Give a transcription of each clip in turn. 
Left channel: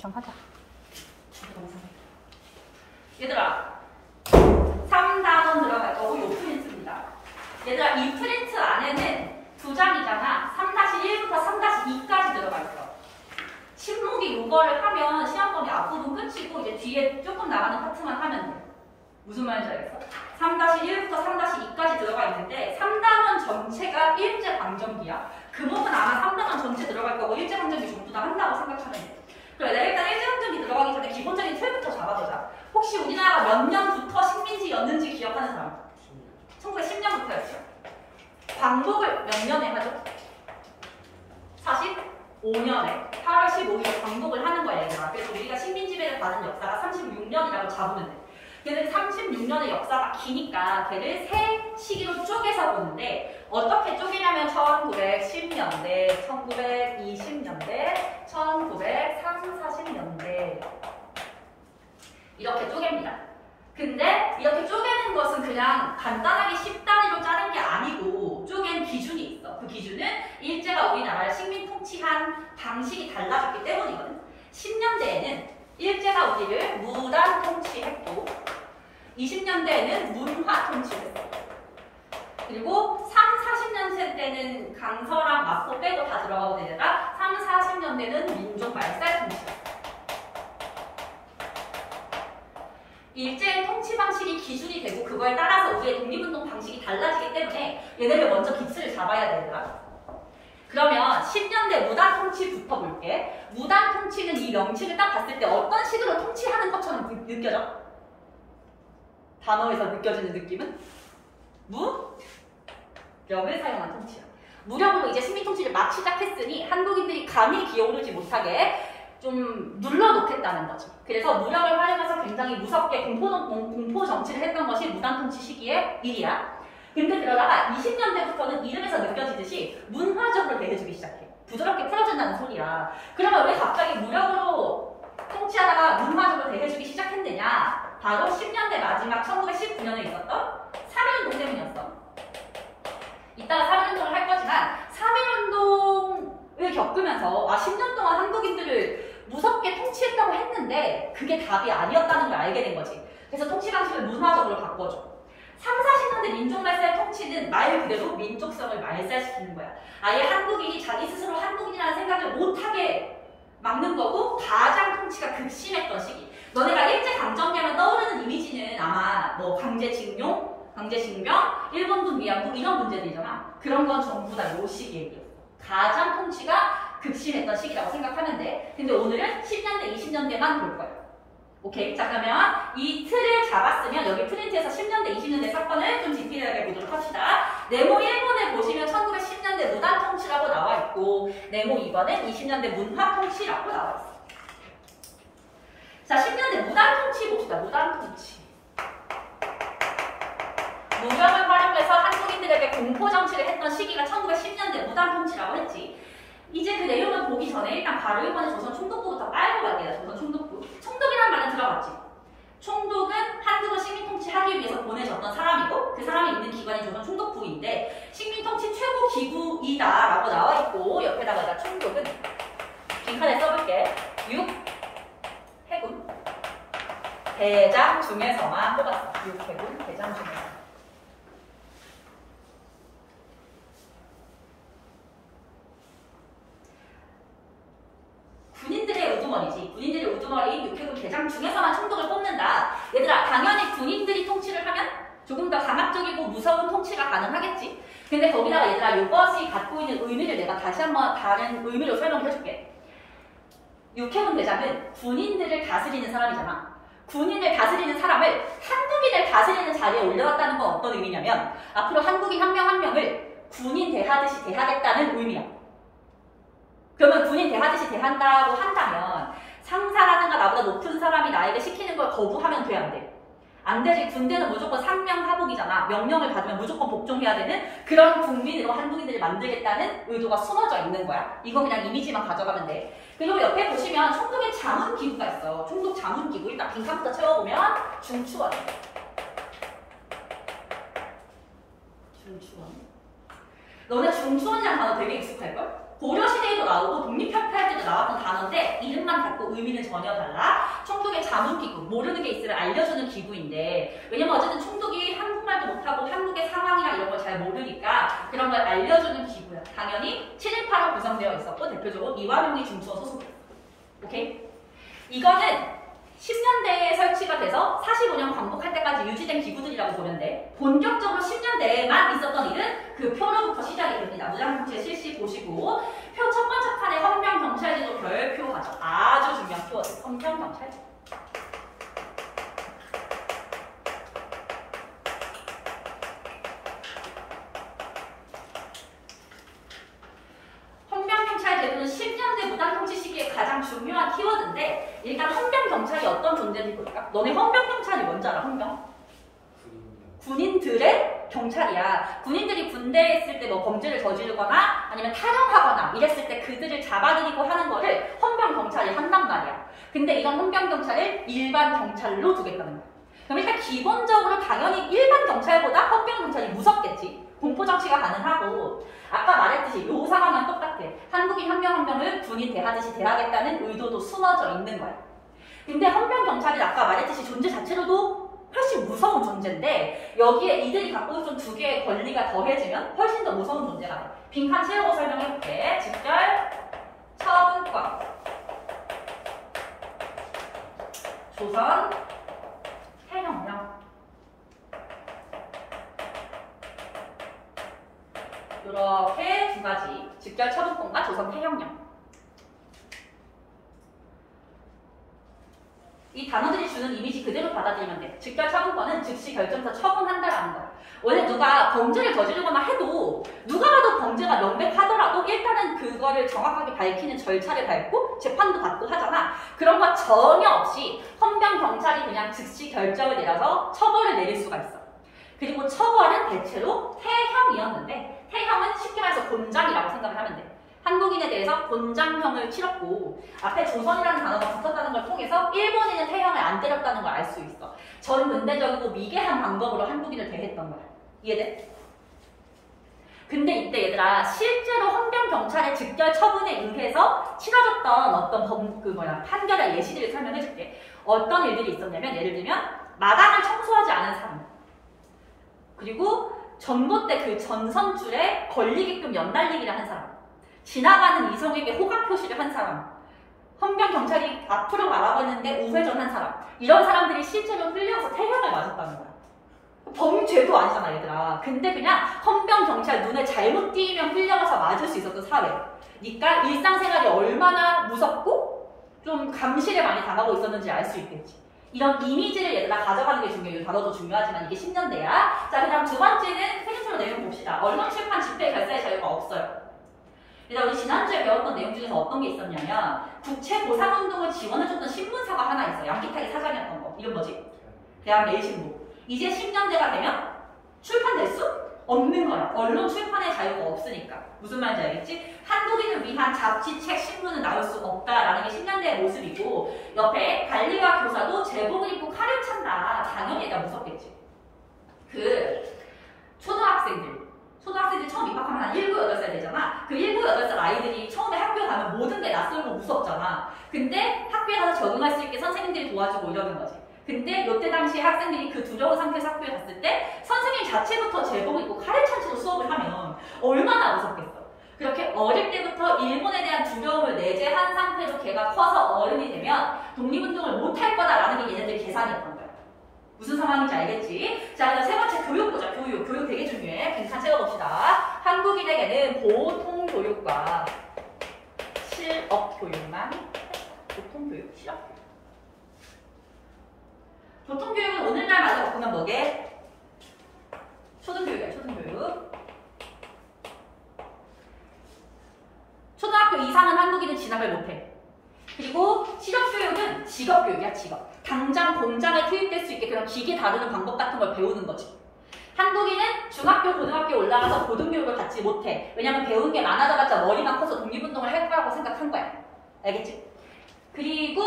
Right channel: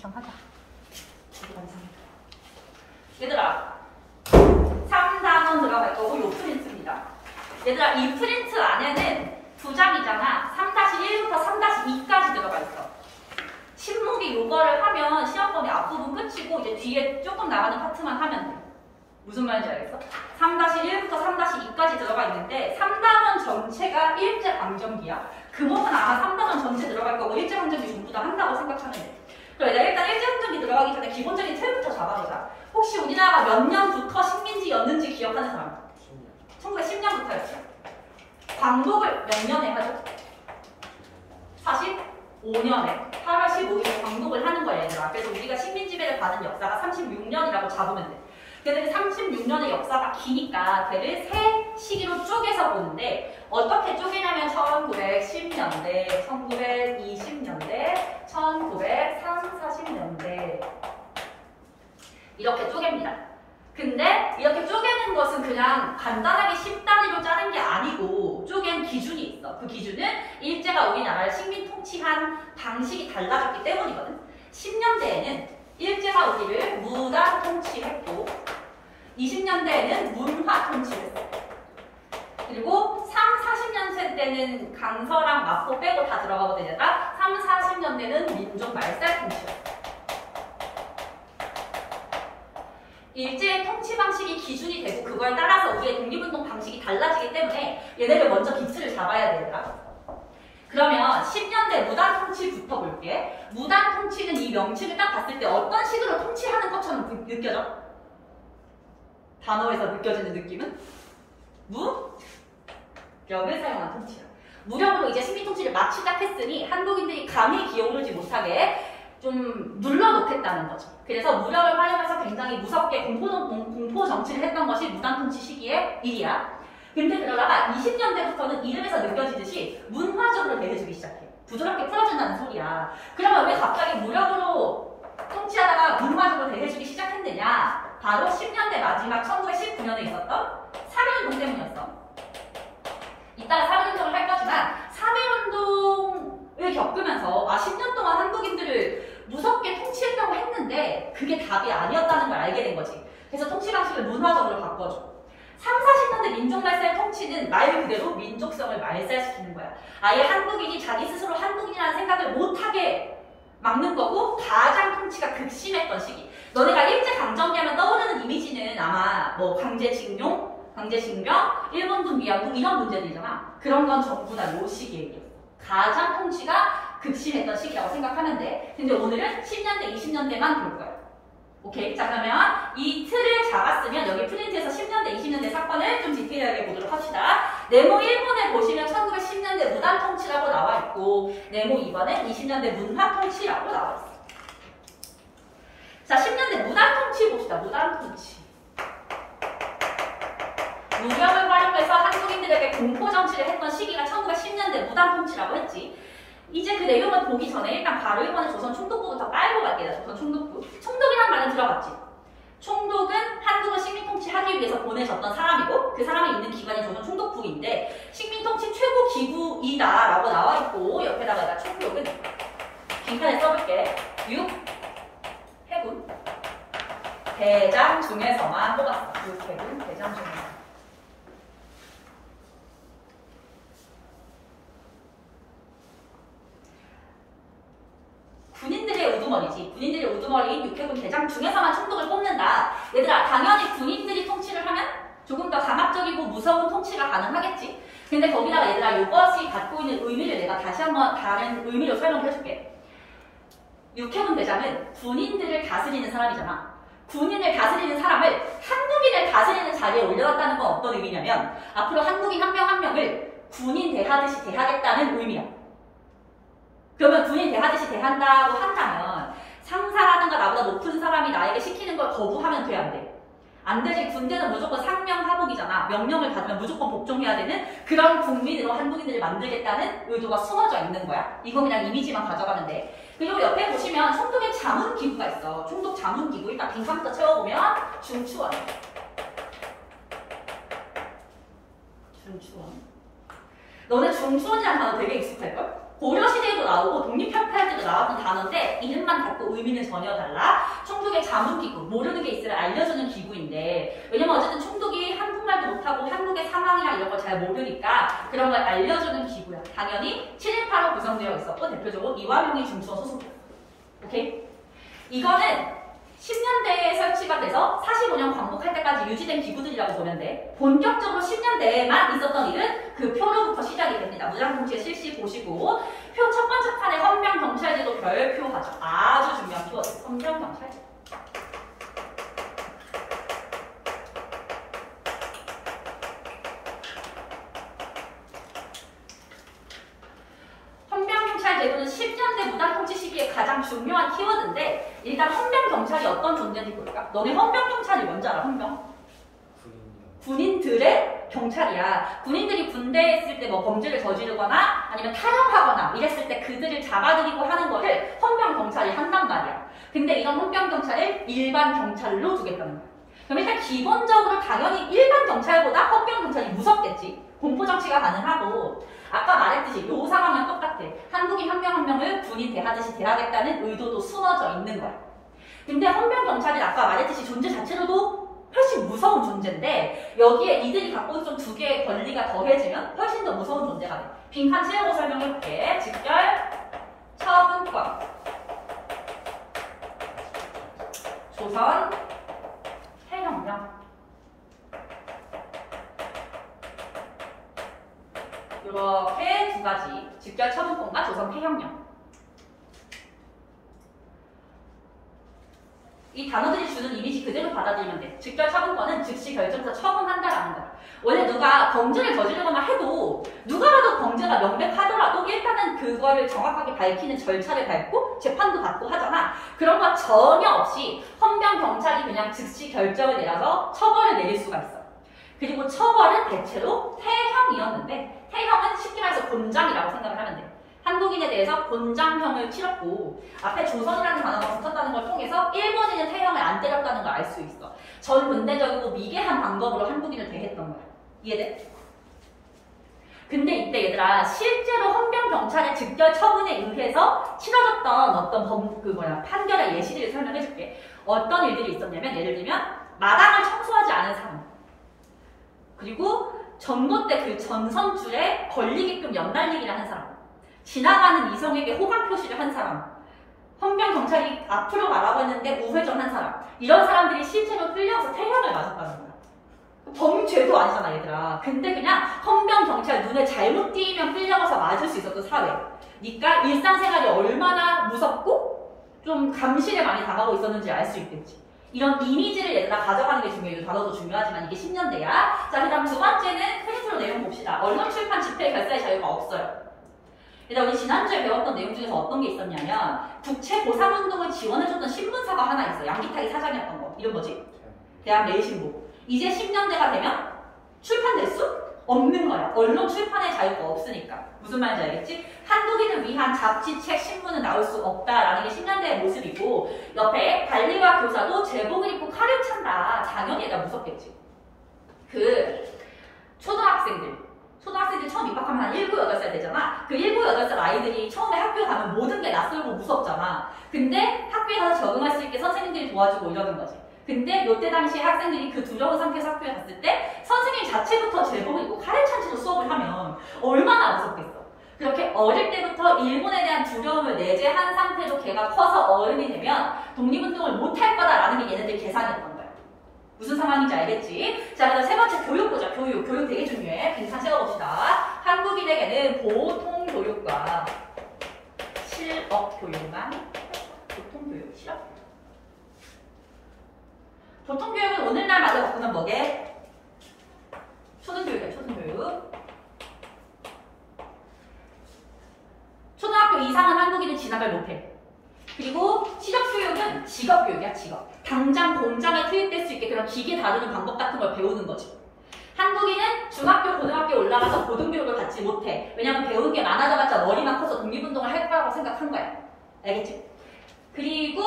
이상하자. 얘들아 3단원 들어갈 거고 요 프린트입니다. 얘들아 이 프린트 안에는 두 장이잖아. 3-1부터 3-2까지 들어가 있어. 신문기 요거를 하면 시험번이 앞부분 끝이고 이제 뒤에 조금 나가는 파트만 하면 돼. 무슨 말인지 알겠어? 3-1부터 3-2까지 들어가 있는데 3단원 전체가 일제강점기야. 금호는 아마 3단원 전체 들어갈 거고 일제강점기 전부 다 한다고 생각하면 돼. 그래, 내가 일단 일제강점기 들어가기 전에 기본적인 틀부터 잡아보자. 혹시 우리나라가 몇 년부터 식민지였는지 기억하는 사람? 1910년부터였죠. 광복을 몇 년에 하죠? 45년에 8월 15일에 광복을 하는 거야, 얘들아. 그래서 우리가 식민지배를 받은 역사가 36년이라고 잡으면 돼. 근데 36년의 역사가 기니까 걔를 세 시기로 쪼개서 보는데 어떻게 쪼개냐면 1910년대, 1920년대, 1940년대 이렇게 쪼갭니다. 근데 이렇게 쪼개는 것은 그냥 간단하게 10단위로 자른 게 아니고 쪼갠 기준이 있어. 그 기준은 일제가 우리나라를 식민 통치한 방식이 달라졌기 때문이거든. 10년대에는 일제가 우리를 무단 통치했고 20년대에는 문화 통치했어. 그리고 40년대 때는 강서랑 마포 빼고 다 들어가고 되다가 40년대는 민족 말살 통치였어. 일제의 통치 방식이 기준이 되고 그거에 따라서 우리의 독립운동 방식이 달라지기 때문에 얘네를 먼저 기틀을 잡아야 되더라. 그러면 10년대 무단 통치부터 볼게. 무단 통치는 이 명칭을 딱 봤을 때 어떤 식으로 통치하는 것처럼 느껴져? 단어에서 느껴지는 느낌은? 무력을 사용한 통치야. 무력으로 이제 식민 통치를 막 시작했으니 한국인들이 감히 기어오르지 못하게 좀 눌러놓겠다는 거죠. 그래서 무력을 활용해서 굉장히 무섭게 공포 정치를 했던 것이 무단 통치 시기의 일이야. 근데 그러다가 20년대부터는 이름에서 느껴지듯이 문화적으로 대해주기 시작해. 부드럽게 풀어준다는 소리야. 그러면 왜 갑자기 무력으로 통치하다가 문화적으로 대해주기 시작했느냐? 바로 10년대 마지막 1919년에 있었던 3.1운동 때문이었어. 이따가 3.1운동을 할 거지만 3.1운동을 겪으면서 10년 동안 한국인들을 무섭게 통치했다고 했는데 그게 답이 아니었다는 걸 알게 된 거지. 그래서 통치 방식을 문화적으로 바꿔줘. 30-40년대 민족말살 통치는 말 그대로 민족성을 말살시키는 거야. 아예 한국인이 자기 스스로 한국인이라는 생각을 못하게 막는 거고 가장 통치가 극심했던 시기. 너네가 일제강점기하면 떠오르는 이미지는 아마 뭐 강제징용, 강제징병, 일본군 위안부 이런 문제들이잖아. 그런 건 전부 다 요 시기에 이겼어. 가장 통치가 극심했던 시기라고 생각하면 돼. 근데 오늘은 10년대, 20년대만 볼 거야. 오케이? 자, 그러면 이 틀을 잡았으면 여기 프린트에서 10년대, 20년대 사건을 좀 디테일하게 보도록 합시다. 네모 1번에 보시면 1910년대 무단 통치라고 나와 있고 네모 2번은 20년대 문화 통치라고 나와 있어. 자, 10년대 무단 통치 봅시다. 무단 통치. 무력을 활용해서 한국인들에게 공포정치를 했던 시기가 1910년대 무단 통치라고 했지. 이제 그 내용을 보기 전에 일단 바로 1번에 조선 총독부부터 깔고 갈게요. 조선 총독부. 총독이라는 말은 들어봤지? 총독은 한국을 식민 통치하기 위해서 보내졌던 사람이고 그 사람이 있는 기관이 조선 총독부인데 식민 통치 최고 기구이다 라고 나와 있고 옆에다가 총독은 빈칸에 써볼게. 6. 해군 대장 중에서만 뽑았어. 6. 해군 대장 중에서. 군인들의 우두머리지. 군인들의 우두머리인 육해군 대장 중에서만 총독을 뽑는다. 얘들아, 당연히 군인들이 통치를 하면 조금 더 강압적이고 무서운 통치가 가능하겠지. 근데 거기다가 얘들아, 이것이 갖고 있는 의미를 내가 다시 한번 다른 의미로 설명해줄게. 육해군 대장은 군인들을 다스리는 사람이잖아. 군인을 다스리는 사람을 한국인을 다스리는 자리에 올려놨다는 건 어떤 의미냐면 앞으로 한국인 한 명 한 명을 군인 대하듯이 대하겠다는 의미야. 그러면 군인 대하듯이 대한다고 한다면 상사라든가 나보다 높은 사람이 나에게 시키는 걸 거부하면 돼, 안 돼? 안 되지. 군대는 무조건 상명하복이잖아. 명령을 받으면 무조건 복종해야 되는 그런 국민으로 한국인들을 만들겠다는 의도가 숨어져 있는 거야. 이건 그냥 이미지만 가져가면 돼. 그리고 옆에 보시면 총독의 자문기구가 있어. 총독 자문기구. 일단 빈칸부터 채워보면 중추원. 중추원. 너네 중추원이란 단어 되게 익숙할걸? 고려시대에도 나오고 독립협회할 때도 나왔던 단어인데 이름만 같고 의미는 전혀 달라. 총독의 자문기구, 모르는 게 있으면 알려주는 기구인데 왜냐면 어쨌든 총독이 한국말도 못하고 한국의 상황이랑 이런 걸 잘 모르니까 그런 걸 알려주는 기구야. 당연히 7.18로 구성되어 있었고 대표적으로 이완용이 중수원 소속이었어. 오케이? 이거는 10년대에 설치가 돼서 45년 광복할 때까지 유지된 기구들이라고 보면 돼. 본격적으로 10년대에만 있었던 일은 그 표로부터 시작이 됩니다. 무장통치의 실시 보시고 표 첫 번째 칸에 헌병경찰제도 별표하죠. 아주 중요한 표어들. 헌병경찰제. 헌병경찰제도는 10년대 무장통치 시기에 가장 중요한 키워드인데 일단 헌병경찰이 어떤 존재인지 볼까? 너네 헌병경찰이 뭔지 알아? 헌병? 군인들의 경찰이야. 군인들이 군대에 있을 때 뭐 범죄를 저지르거나 아니면 탈영하거나 이랬을 때 그들을 잡아들이고 하는 거를 헌병경찰이 한단 말이야. 근데 이런 헌병경찰을 일반 경찰로 두겠다는 거야. 그럼 일단 기본적으로 당연히 일반 경찰보다 헌병경찰이 무섭겠지. 공포정치가 가능하고 아까 말했듯이 요 상황은 똑같아. 한국인 한 명 한 명을 군인 대하듯이 대하겠다는 의도도 숨어져 있는 거야. 근데 헌병경찰이 아까 말했듯이 존재 자체로도 훨씬 무서운 존재인데 여기에 이들이 갖고 있던 두 개의 권리가 더해지면 훨씬 더 무서운 존재가 돼. 빈칸 채우고 설명해볼게. 직결, 처분권, 조선, 해명령. 이렇게 두 가지. 직결, 처분권과 조선, 해명령. 이 단어들이 주는 이미지 그대로 받아들이면 돼. 직결 처분권은 즉시 결정해서 처분한다라는 거야. 원래 누가 범죄를 저지르거나 해도 누가 봐도 범죄가 명백하더라도 일단은 그거를 정확하게 밝히는 절차를 밟고 재판도 받고 하잖아. 그런 거 전혀 없이 헌병경찰이 그냥 즉시 결정을 내려서 처벌을 내릴 수가 있어. 그리고 처벌은 대체로 태형이었는데 태형은 쉽게 말해서 곤장이라고 생각을 하면 돼. 한국인에 대해서 곤장형을 치렀고 앞에 조선이라는 단어가 붙었다는 걸 통해서 일본인은 태형을 안 때렸다는 걸 알 수 있어. 전 근대적이고 미개한 방법으로 한국인을 대했던 거야. 이해돼? 근데 이때 얘들아 실제로 헌병경찰의 직결 처분에 의해서 치러졌던 어떤 판결의 예시들을 설명해줄게. 어떤 일들이 있었냐면 예를 들면 마당을 청소하지 않은 사람, 그리고 전봇대 그 전선줄에 걸리게끔 연날리기를 한 사람, 지나가는 이성에게 호감 표시를 한 사람, 헌병경찰이 앞으로 가라고 했는데 우회전한 사람, 이런 사람들이 실제로 끌려서 태형을 맞았다는 거야. 범죄도 아니잖아 얘들아. 근데 그냥 헌병경찰 눈에 잘못 띄면 끌려가서 맞을 수 있었던 사회. 그러니까 일상생활이 얼마나 무섭고 좀 감시에 많이 당하고 있었는지 알 수 있겠지. 이런 이미지를 얘들아 가져가는 게 중요해요. 단어도 중요하지만 이게 10년대야. 자, 그 다음 두 번째는 페니트로 내용 봅시다. 언론, 출판, 집회, 결사의 자유가 없어요. 일단 우리 지난주에 배웠던 내용 중에서 어떤 게 있었냐면 국채 보상운동을 지원해줬던 신문사가 하나 있어. 양기탁이 사장이었던 거. 이름 뭐지? 대한매일신보. 이제 10년대가 되면 출판될 수 없는 거야. 언론 출판의 자유가 없으니까. 무슨 말인지 알겠지? 한국인을 위한 잡지, 책, 신문은 나올 수 없다라는 게 10년대의 모습이고 옆에 관리와 교사도 제복을 입고 칼을 찬다. 당연히 얘가 무섭겠지. 초등학생들 처음 입학하면 한 7, 8살 되잖아. 그 7, 8살 아이들이 처음에 학교 가면 모든 게 낯설고 무섭잖아. 근데 학교에 가서 적응할 수 있게 선생님들이 도와주고 이러는 거지. 근데 요때 당시에 학생들이 그 두려운 상태에서 학교에 갔을 때 선생님 자체부터 제복을 입고 칼을 찬 채로 수업을 하면 얼마나 무섭겠어. 그렇게 어릴 때부터 일본에 대한 두려움을 내재한 상태로 걔가 커서 어른이 되면 독립운동을 못할 거다라는 게 얘네들 계산이었던 거야. 무슨 상황인지 알겠지? 자, 그다음 세 번째 교육 보자. 교육 되게 중요해. 빈칸 세워봅시다. 한국인에게는 보통교육과 실업교육만, 보통교육, 실업교육. 보통교육은 오늘날 말로 바꾸면 뭐게? 초등교육이야, 초등교육. 초등학교 이상은 한국인은 진학을 못해. 그리고 실업교육은 직업교육이야, 직업. 당장 공장에 투입될 수 있게 그냥 기계 다루는 방법 같은 걸 배우는 거지. 한국인은 중학교, 고등학교에 올라가서 고등교육을 갖지 못해. 왜냐면 배운 게 많아져봤자 머리만 커서 독립운동을 할 거라고 생각한 거야. 알겠지? 그리고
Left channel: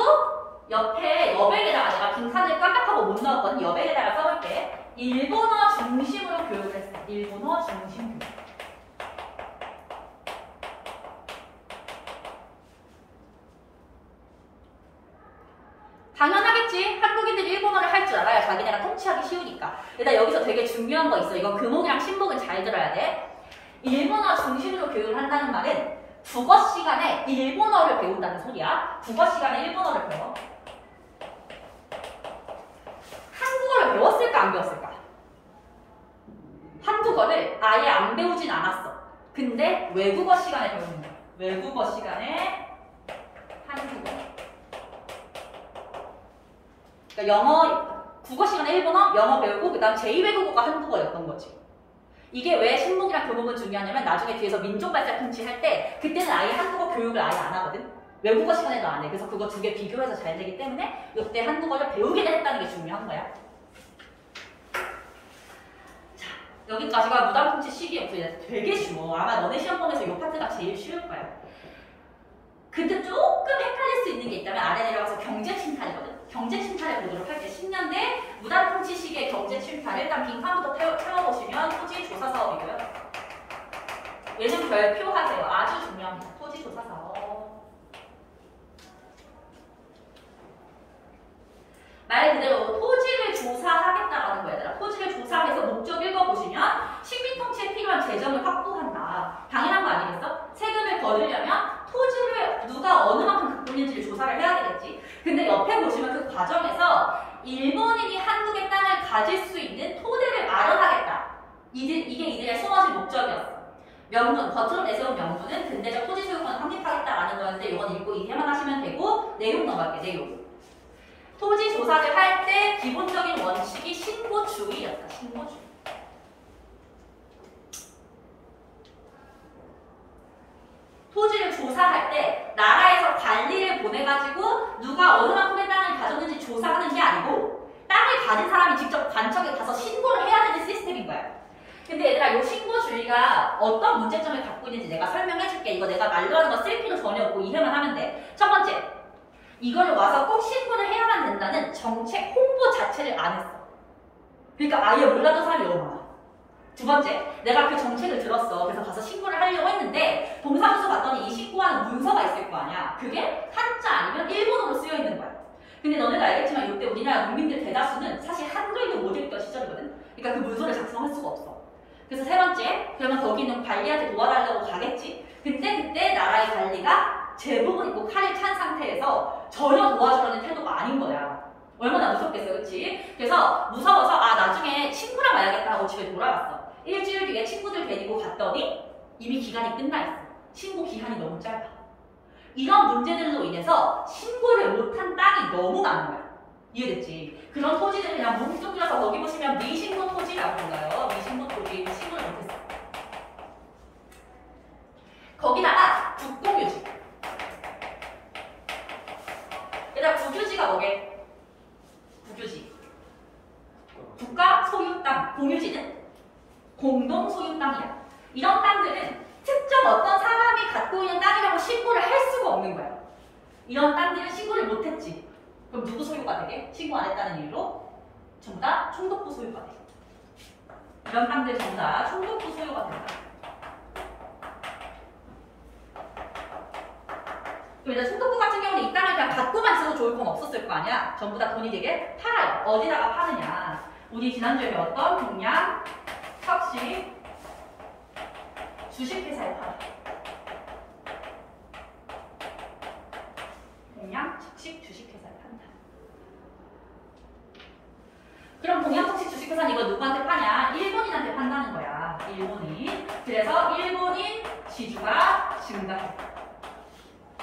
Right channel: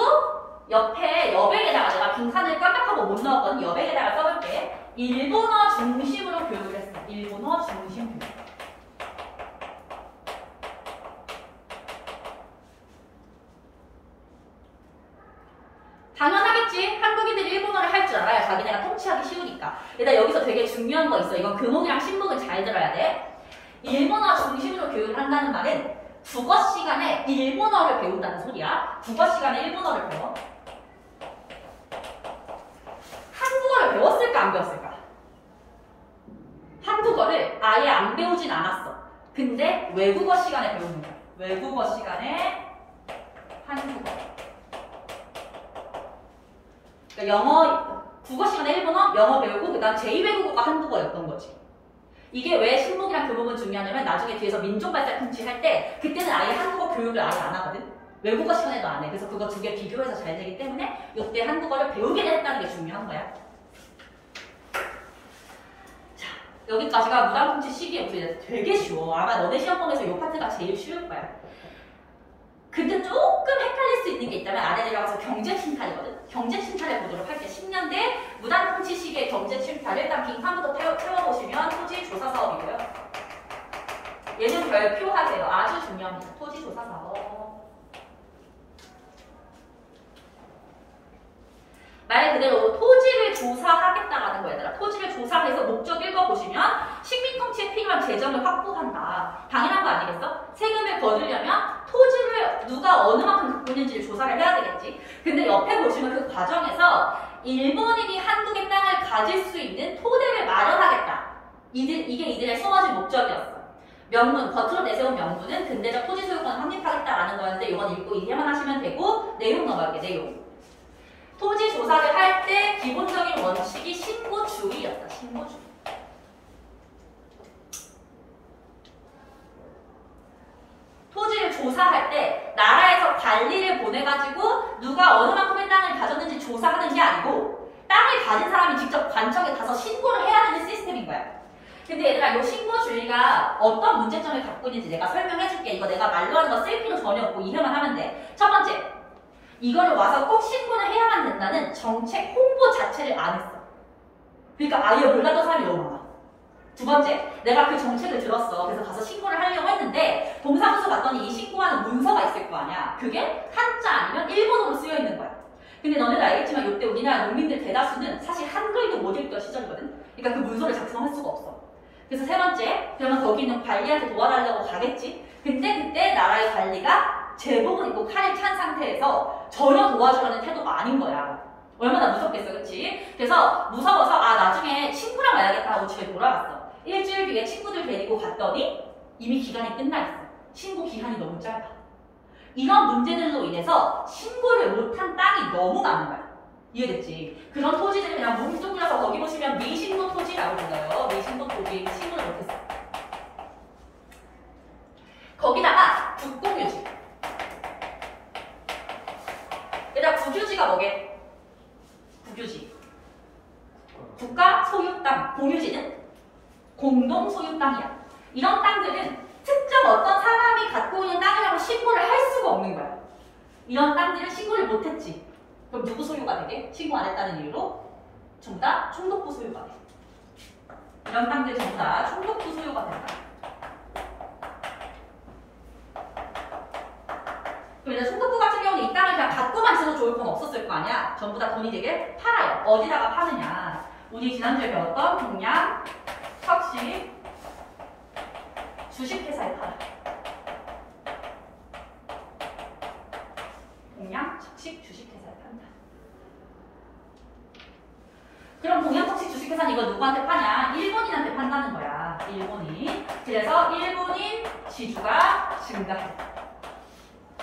옆에 여백에다가 내가 빈칸을 깜빡하고 못 넣었거든. 여백에다가 써볼게. 일본어 중심으로 교육을 했어. 일본어 중심 교육. 당연하겠지. 한국인들이 일본어를 할 줄 알아야 자기네가 통치하기 쉬우니까. 일단 여기서 되게 중요한 거 있어. 이건 금목이랑 신목은 잘 들어야 돼. 일본어 중심으로 교육을 한다는 말은 국어 시간에 일본어를 배운다는 소리야. 국어 시간에 일본어를 배워. 한국어를 배웠을까 안 배웠을까? 한국어를 아예 안 배우진 않았어. 근데 외국어 시간에 배우는 거야. 외국어 시간에 한국어. 그러니까 영어, 국어 시간에 일본어, 영어 배우고 그다음 제2외국어가 한국어였던 거지. 이게 왜 신목이랑 교목은 중요하냐면 나중에 뒤에서 민족발달 통치할 때 그때는 아예 한국어 교육을 아예 안 하거든. 외국어 시간에도 안 해. 그래서 그거 두 개 비교해서 잘 되기 때문에 이때 한국어를 배우게 됐다는 게 중요한 거야. 자, 여기까지가 무당통치 시기의 목소리야. 되게 쉬워. 아마 너네 시험 보면서 이 파트가 제일 쉬울 거야. 근데 조금 헷갈릴 수 있는 게 있다면 아래 내려가서 경제침탈이거든. 경제침탈을 보도록 할게. 10년대 무당통치 시기의 경제침탈. 일단 빈칸부터 채워보시면 토지조사사업이고요. 얘는 별표하세요. 아주 중요합니다. 토지조사사업. 말 그대로 토지를 조사하겠다라는 거야, 얘들아. 토지를 조사해서 목적 읽어보시면 식민통치에 필요한 재정을 확보한다. 당연한 거 아니겠어? 세금을 거두려면 토지를 누가 어느 만큼 갖고 있는지를 조사를 해야 되겠지. 근데 옆에 보시면 그 과정에서 일본인이 한국의 땅을 가질 수 있는 토대를 마련하겠다. 이게 이들의 숨어진 목적이었어. 명분, 겉으로 내세운 명분은 근대적 토지 소유권을 확립하겠다라는 거였는데 이건 읽고 이해만 하시면 되고 내용 넘어갈게, 내용. 토지 조사를 할 때 기본적인 원칙이 신고주의였다. 신고주의. 토지를 조사할 때 나라에서 관리를 보내가지고 누가 어느 만큼의 땅을 가졌는지 조사하는 게 아니고 땅을 가진 사람이 직접 관청에 가서 신고를 해야 되는 시스템인 거야. 근데 얘들아, 이 신고주의가 어떤 문제점을 갖고 있는지 내가 설명해줄게. 이거 내가 말로 하는 거 쓸 필요 전혀 없고 이해만 하면 돼. 첫 번째, 이거를 와서 꼭 신고를 해야만 된다는 정책 홍보 자체를 안 했어. 그러니까 아예 몰랐던 사람이 너무 많아. 두 번째, 내가 그 정책을 들었어. 그래서 가서 신고를 하려고 했는데 동사무소 갔더니 이 신고하는 문서가 있을 거 아니야. 그게 한자 아니면 일본어로 쓰여 있는 거야. 근데 너네도 알겠지만 이때 우리나라 농민들 대다수는 사실 한글도 못 읽던 시절이거든. 그러니까 그 문서를 작성할 수가 없어. 그래서 세 번째, 그러면 거기 있는 관리한테 도와달라고 가겠지. 근데 그때 나라의 관리가 제복을 입고 칼을 찬 상태에서 전혀 도와주려는 태도가 아닌 거야. 얼마나 무섭겠어, 그치? 그래서 무서워서 나중에 친구랑 와야겠다 하고 집에 돌아갔어. 일주일 뒤에 친구들 데리고 갔더니 이미 기간이 끝나 있어. 신고 기간이 너무 짧아. 이런 문제들로 인해서 신고를 못한 땅이 너무 많은 거야. 이해됐지? 그런 토지들을 그냥 뭉뚱그려서 거기 보시면 미신고 토지라고 불러요. 미신고 토지. 신고를 못했어. 거기다가 국공유지. 얘들아, 국유지가 뭐게? 국유지. 국가 소유 땅. 공유지는 공동 소유 땅이야. 이런 땅들은 특정 어떤 사람이 갖고 있는 땅이라고 신고를 할 수가 없는 거야. 이런 땅들은 신고를 못했지. 그럼 누구 소유가 되게? 신고 안 했다는 이유로 전부 다 총독부 소유가 돼. 이런 땅들 전부 다 총독부 소유가 된다. 그래서 총독부 같은 경우는 이 땅을 그냥 갖고만 있어도 좋을 건 없었을 거 아니야. 전부 다 돈이 되게 팔아요. 어디다가 파느냐. 우리 지난주에 배웠던 동양, 석식, 주식회사에 팔아. 동양, 석식, 주식회사에 판다. 그럼 동양, 석식, 주식회사는 이거 누구한테 파냐? 일본인한테 판다는 거야. 일본인. 그래서 일본인 지주가 증가해.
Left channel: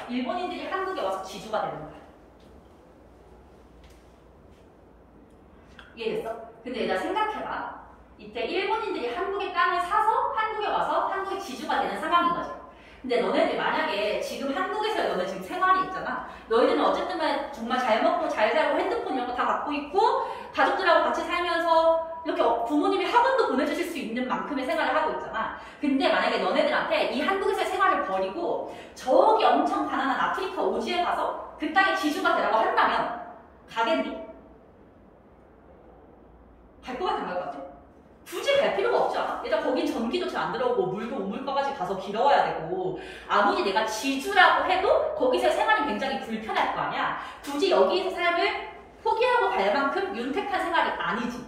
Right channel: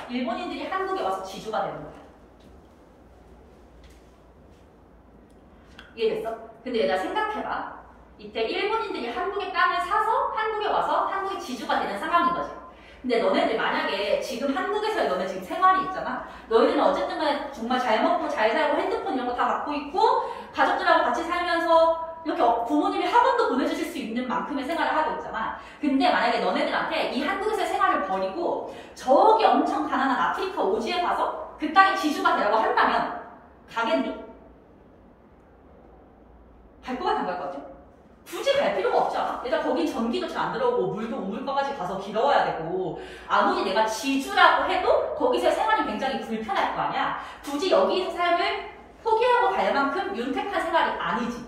일본인들이 한국에 와서 지주가 되는 거야. 이해됐어? 근데 얘들아 생각해봐. 이때 일본인들이 한국의 땅을 사서 한국에 와서 한국의 지주가 되는 상황인 거지. 근데 너네들 만약에 지금 한국에서 너네 지금 생활이 있잖아. 너희들은 어쨌든 간에 정말 잘 먹고 잘 살고 핸드폰 이런 거 다 갖고 있고 가족들하고 같이 살면서 이렇게 부모님이 학원도 보내주실 수 있는 만큼의 생활을 하고 있잖아. 근데 만약에 너네들한테 이 한국에서의 생활을 버리고 저기 엄청 가난한 아프리카 오지에 가서 그 땅의 지주가 되라고 한다면 가겠니? 갈 것 같아, 안 갈 것 같아? 굳이 갈 필요가 없지 않아? 일단 거긴 전기도 잘 안 들어오고 물도 우물가까지 가서 길어와야 되고 아무리 내가 지주라고 해도 거기서 생활이 굉장히 불편할 거 아니야? 굳이 여기서 삶을 포기하고 갈 만큼 윤택한 생활이 아니지.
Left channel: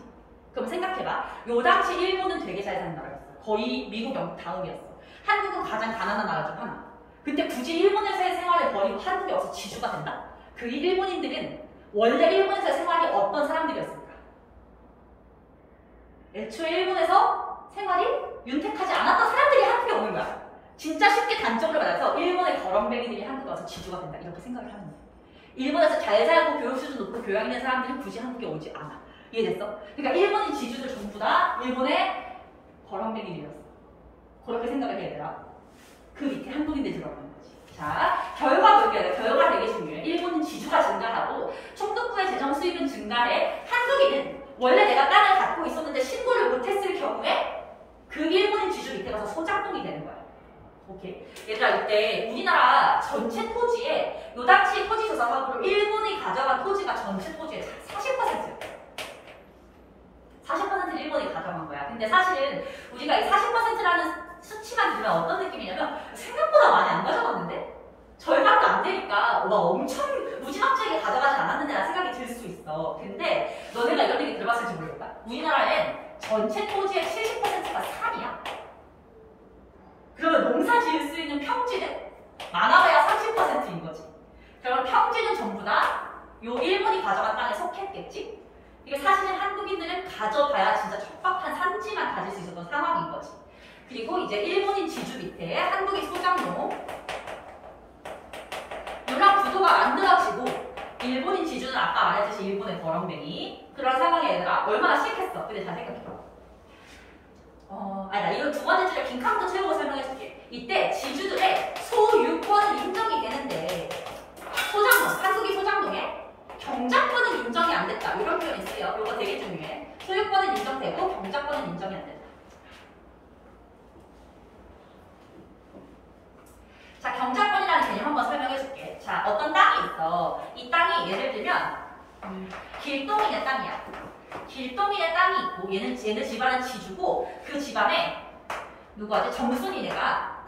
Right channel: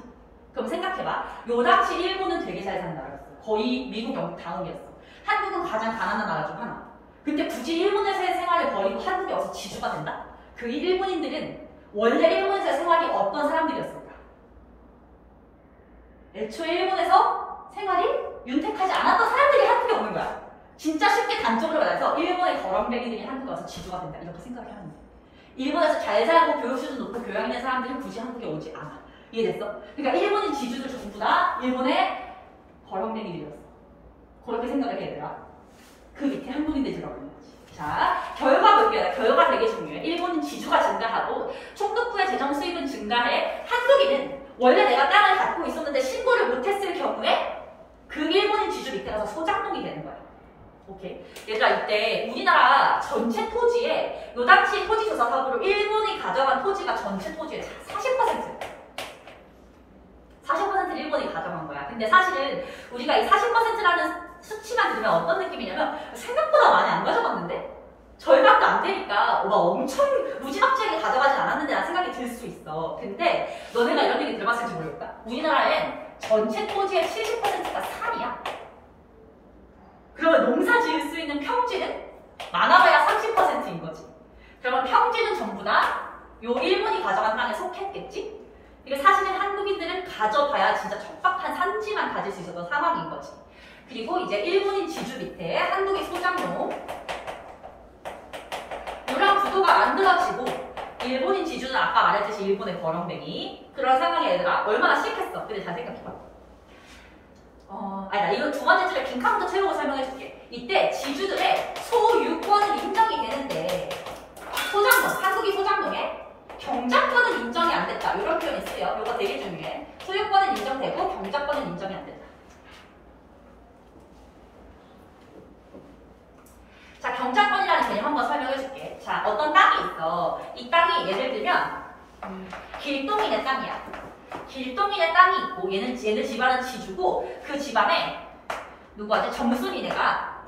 그럼 생각해봐. 요 당시 일본은 되게 잘 사는 나라였어. 거의 미국, 영국 다음이었어. 한국은 가장 가난한 나라 중 하나. 근데 굳이 일본에서의 생활을 버리고 한국에 와서 지주가 된다? 그 일본인들은 원래 일본에서의 생활이 어떤 사람들이었을까? 애초에 일본에서 생활이 윤택하지 않았던 사람들이 한국에 오는 거야. 진짜 쉽게 단적으로 말해서 일본의 거렁뱅이들이 한국에 와서 지주가 된다. 이렇게 생각을 하면 돼. 일본에서 잘 살고 교육 수준 높고 교양 있는 사람들은 굳이 한국에 오지 않아. 이해됐어? 그러니까 일본인 지주들 전부 다 일본의 거렁뱅이들이었어. 그렇게 생각을 해야 되나? 그 밑에 한국인들이 들어가는 거지. 자, 결과 볼게요. 결과 되게 중요해. 일본은 지주가 증가하고 총독부의 재정 수입은 증가해. 한국인은 원래 내가 땅을 갖고 있었는데 신고를 못했을 경우에 그 일본인 지주 밑에 가서 소작농이 되는 거야. 오케이. 얘들아, 이때 우리나라 전체 토지에 요 당시 토지조사 사업으로 일본이 가져간 토지가 전체 토지의 40%야. 40%를 일본이 가져간 거야. 근데 사실은 우리가 이 40%라는 수치만 들으면 어떤 느낌이냐면 생각보다 많이 안 가져갔는데? 절반도 안 되니까 막 엄청 무지막지하게 가져가진 않았는데 라는 생각이 들 수 있어. 근데 너네가 이런 얘기 들어봤을지 모르겠다. 우리나라엔 전체 토지의 70%가 산이야. 그러면 농사 지을 수 있는 평지는 많아봐야 30%인 거지. 그러면 평지는 전부 다 요 일본이 가져간 땅에 속했겠지? 이게 사실은 한국인들은 가져봐야 진짜 척박한 산지만 가질 수 있었던 상황인 거지. 그리고 이제 일본인 지주 밑에 한국의 소작농 요랑 구도가 만들어지고 일본인 지주는 아까 말했듯이 일본의 버렁뱅이 그런 상황에 얘들아 얼마나 싫겠어. 근데 잘 생각해봐. 아니다. 이거 두 번째 줄에 빈칸부터 채우고 설명해줄게. 이때 지주들의 소유권은 인정이 되는데 소작농, 한국이 소작농에 경작권은 인정이 안 됐다. 이런 표현이 쓰여. 이거 되게 중요해. 소유권은 인정되고 경작권은 인정이 안 된다. 자, 경작권이라는 개념 한번 설명해줄게. 자, 어떤 땅이 있어. 이 땅이 예를 들면 길동인의 땅이야. 길동인의 땅이 있고 얘는 집안은 지주고 그 집안에 누구한테 점순이네가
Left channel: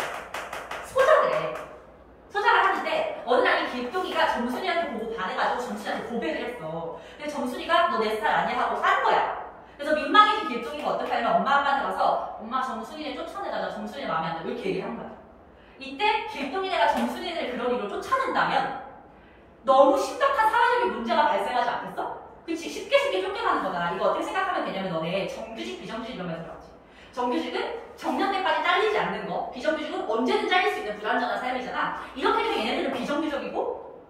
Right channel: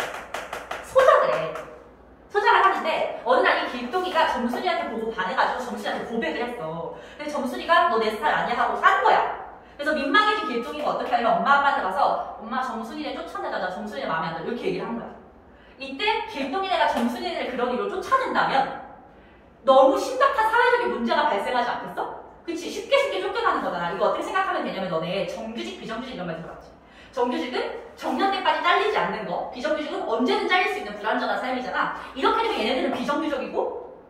소작을 해. 소작을 하는데 어느 날 이 길동이가 점순이한테 보고 반해가지고 점순이한테 고백을 했어. 근데 점순이가 너 내 스타일 아니야 하고 깐 거야. 그래서 민망해진 길동이가 어떻게 하냐면 엄마 아빠한테 가서 엄마 점순이네 쫓아내자. 나 점순이 마음에 안 들어. 이렇게 얘기를 한 거야. 이때 길동이네가 점순이네를 그런 이유로 쫓아낸다면 너무 심각한 사회적인 문제가 발생하지 않겠어? 그치? 쉽게 쫓겨나는 거잖아. 이거 어떻게 생각하면 되냐면 너네 정규직, 비정규직 이런 말 들어봤지? 정규직은 정년때까지 잘리지 않는 거, 비정규직은 언제든 잘릴 수 있는 불안전한 삶이잖아. 이렇게 되면 얘네들은 비정규직이고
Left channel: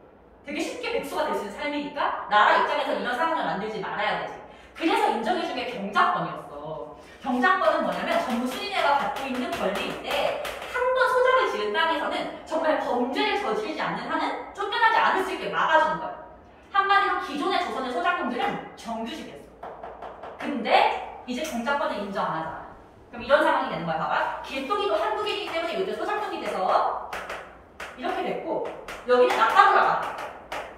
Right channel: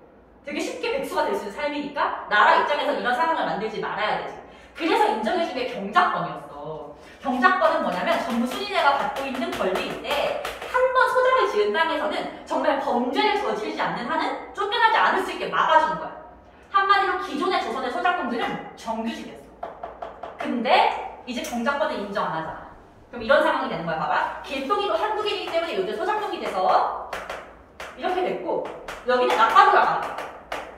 되게 쉽게 백수가 될 수 있는 삶이니까 나라 입장에서 이런 상황을 만들지 말아야 되지. 그래서 인정해준 게 경작권이었어. 경작권은 뭐냐면 점순이네가 갖고 있는 권리인데 한 번 소작을 지은 땅에서는 정말 범죄를 저지르지 않는 한은 쫓겨나지 않을 수 있게 막아주는 거야. 한마디로 기존의 조선의 소작농들은 정규직이었어. 근데 이제 경작권을 인정 안 하잖아. 그럼 이런 상황이 되는 거야. 봐봐. 길동이도 한국인이기 때문에 요새 소작농이 돼서 이렇게 됐고 여기는 낙가무라가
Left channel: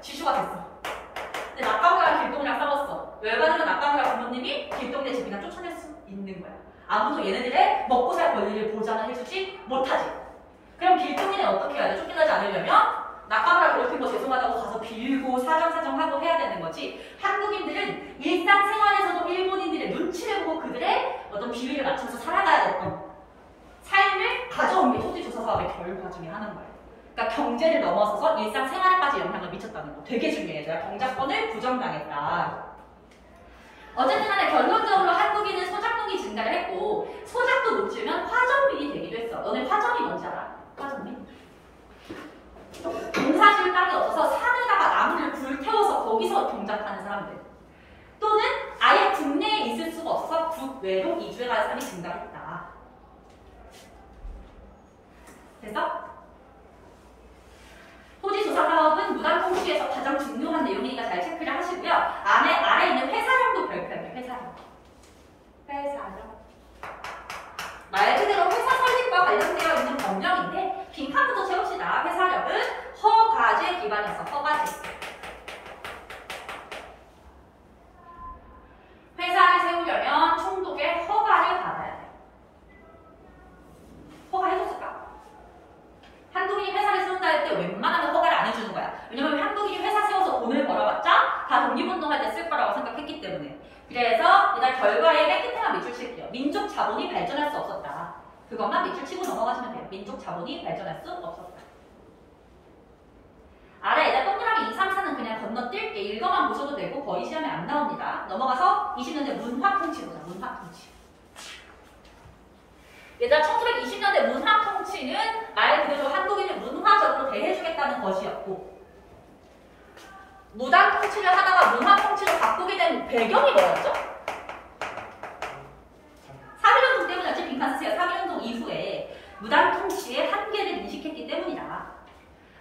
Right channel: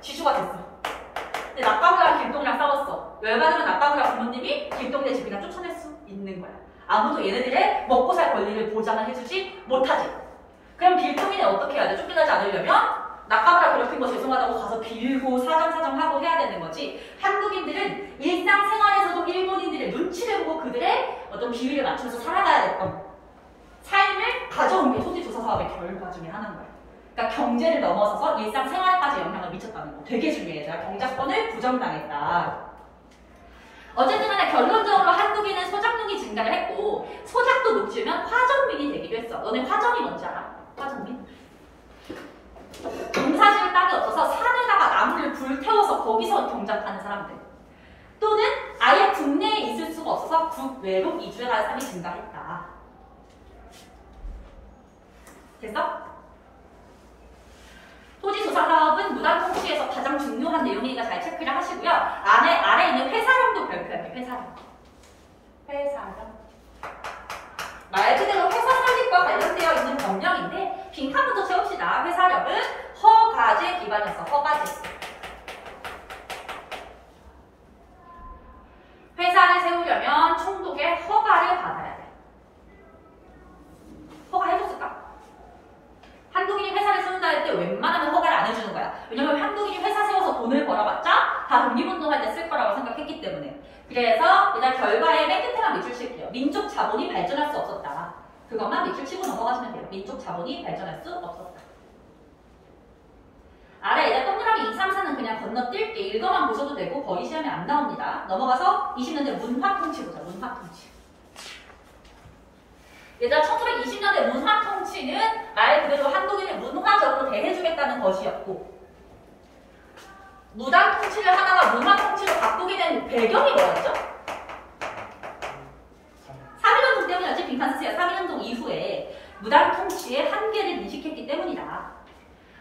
지주가 됐어. 근데 낙가무라가 길동이랑 싸웠어. 열받으면 낙가무라 부모님이 길동이네 집 그냥 쫓아낼 수 있는 거야. 아무도 얘네들의 먹고 살 권리를 보장을 해주지 못하지. 그럼 길동이는 어떻게 해야 돼? 쫓겨나지 않으려면 낙가무라 괴롭힌 거 죄송하다고 가서 빌고 사정하고 해야 되는 거지. 한국인들은 일상생활에서도 일본인들의 눈치를 보고 그들의 어떤 비위를 맞춰서 살아가야 됐던 삶을 가져온 게 토지조사 사업의 결과 중에 하나인 거야. 그러니까 경제를 넘어서서 일상생활에까지 영향을 미쳤다는 거 되게 중요해. 제가 경작권을 부정당했다. 어쨌든 간에 결론적으로 한국인은 소작농이 증가를 했고 소작도 못 지으면 화전민이 되기도 했어. 너네 화전이 뭔지 알아? 화전민? 농사지을 땅이 없어서 산에다가 나무를 불태워서 거기서 경작하는 사람들 또는 아예 국내에 있을 수가 없어서 국외로 이주해가는 사람이 증가했다. 됐어? 토지조사 사업은 무단통치에서 가장 중요한 내용이니까 잘 체크를 하시고요. 아래 있는 회사령도 발표할게요. 회사령. 말 그대로 회사 설립과 관련되어 있는 법령인데 빈칸부터 채웁시다. 회사령은 허가제 기반이었어. 허가제. 회사를 세우려면 총독의 허가를 걸어봤자 다 독립운동할 때 쓸 거라고 생각했기 때문에. 그래서 일단 결과에 맨 끝에만 밑줄 칠게요. 민족 자본이 발전할 수 없었다. 그것만 밑줄 치고 넘어가시면 돼요. 민족 자본이 발전할 수 없었다. 아래 일단 동그라미 2, 3, 4는 그냥 건너뛸게. 읽어만 보셔도 되고 거의 시험에 안 나옵니다. 넘어가서 20년대 문화통치 보자. 문화통치. 일단 1920년대 문화통치는 말 그대로 한국인을 문화적으로 대해주겠다는 것이었고, 무당통치를 하다가 문화통치로 바꾸게 된 배경이 뭐였죠? 3.1운동 때문이었지. 빈칸 쓰세요. 3.1운동 이후에 무당통치의 한계를 인식했기 때문이다.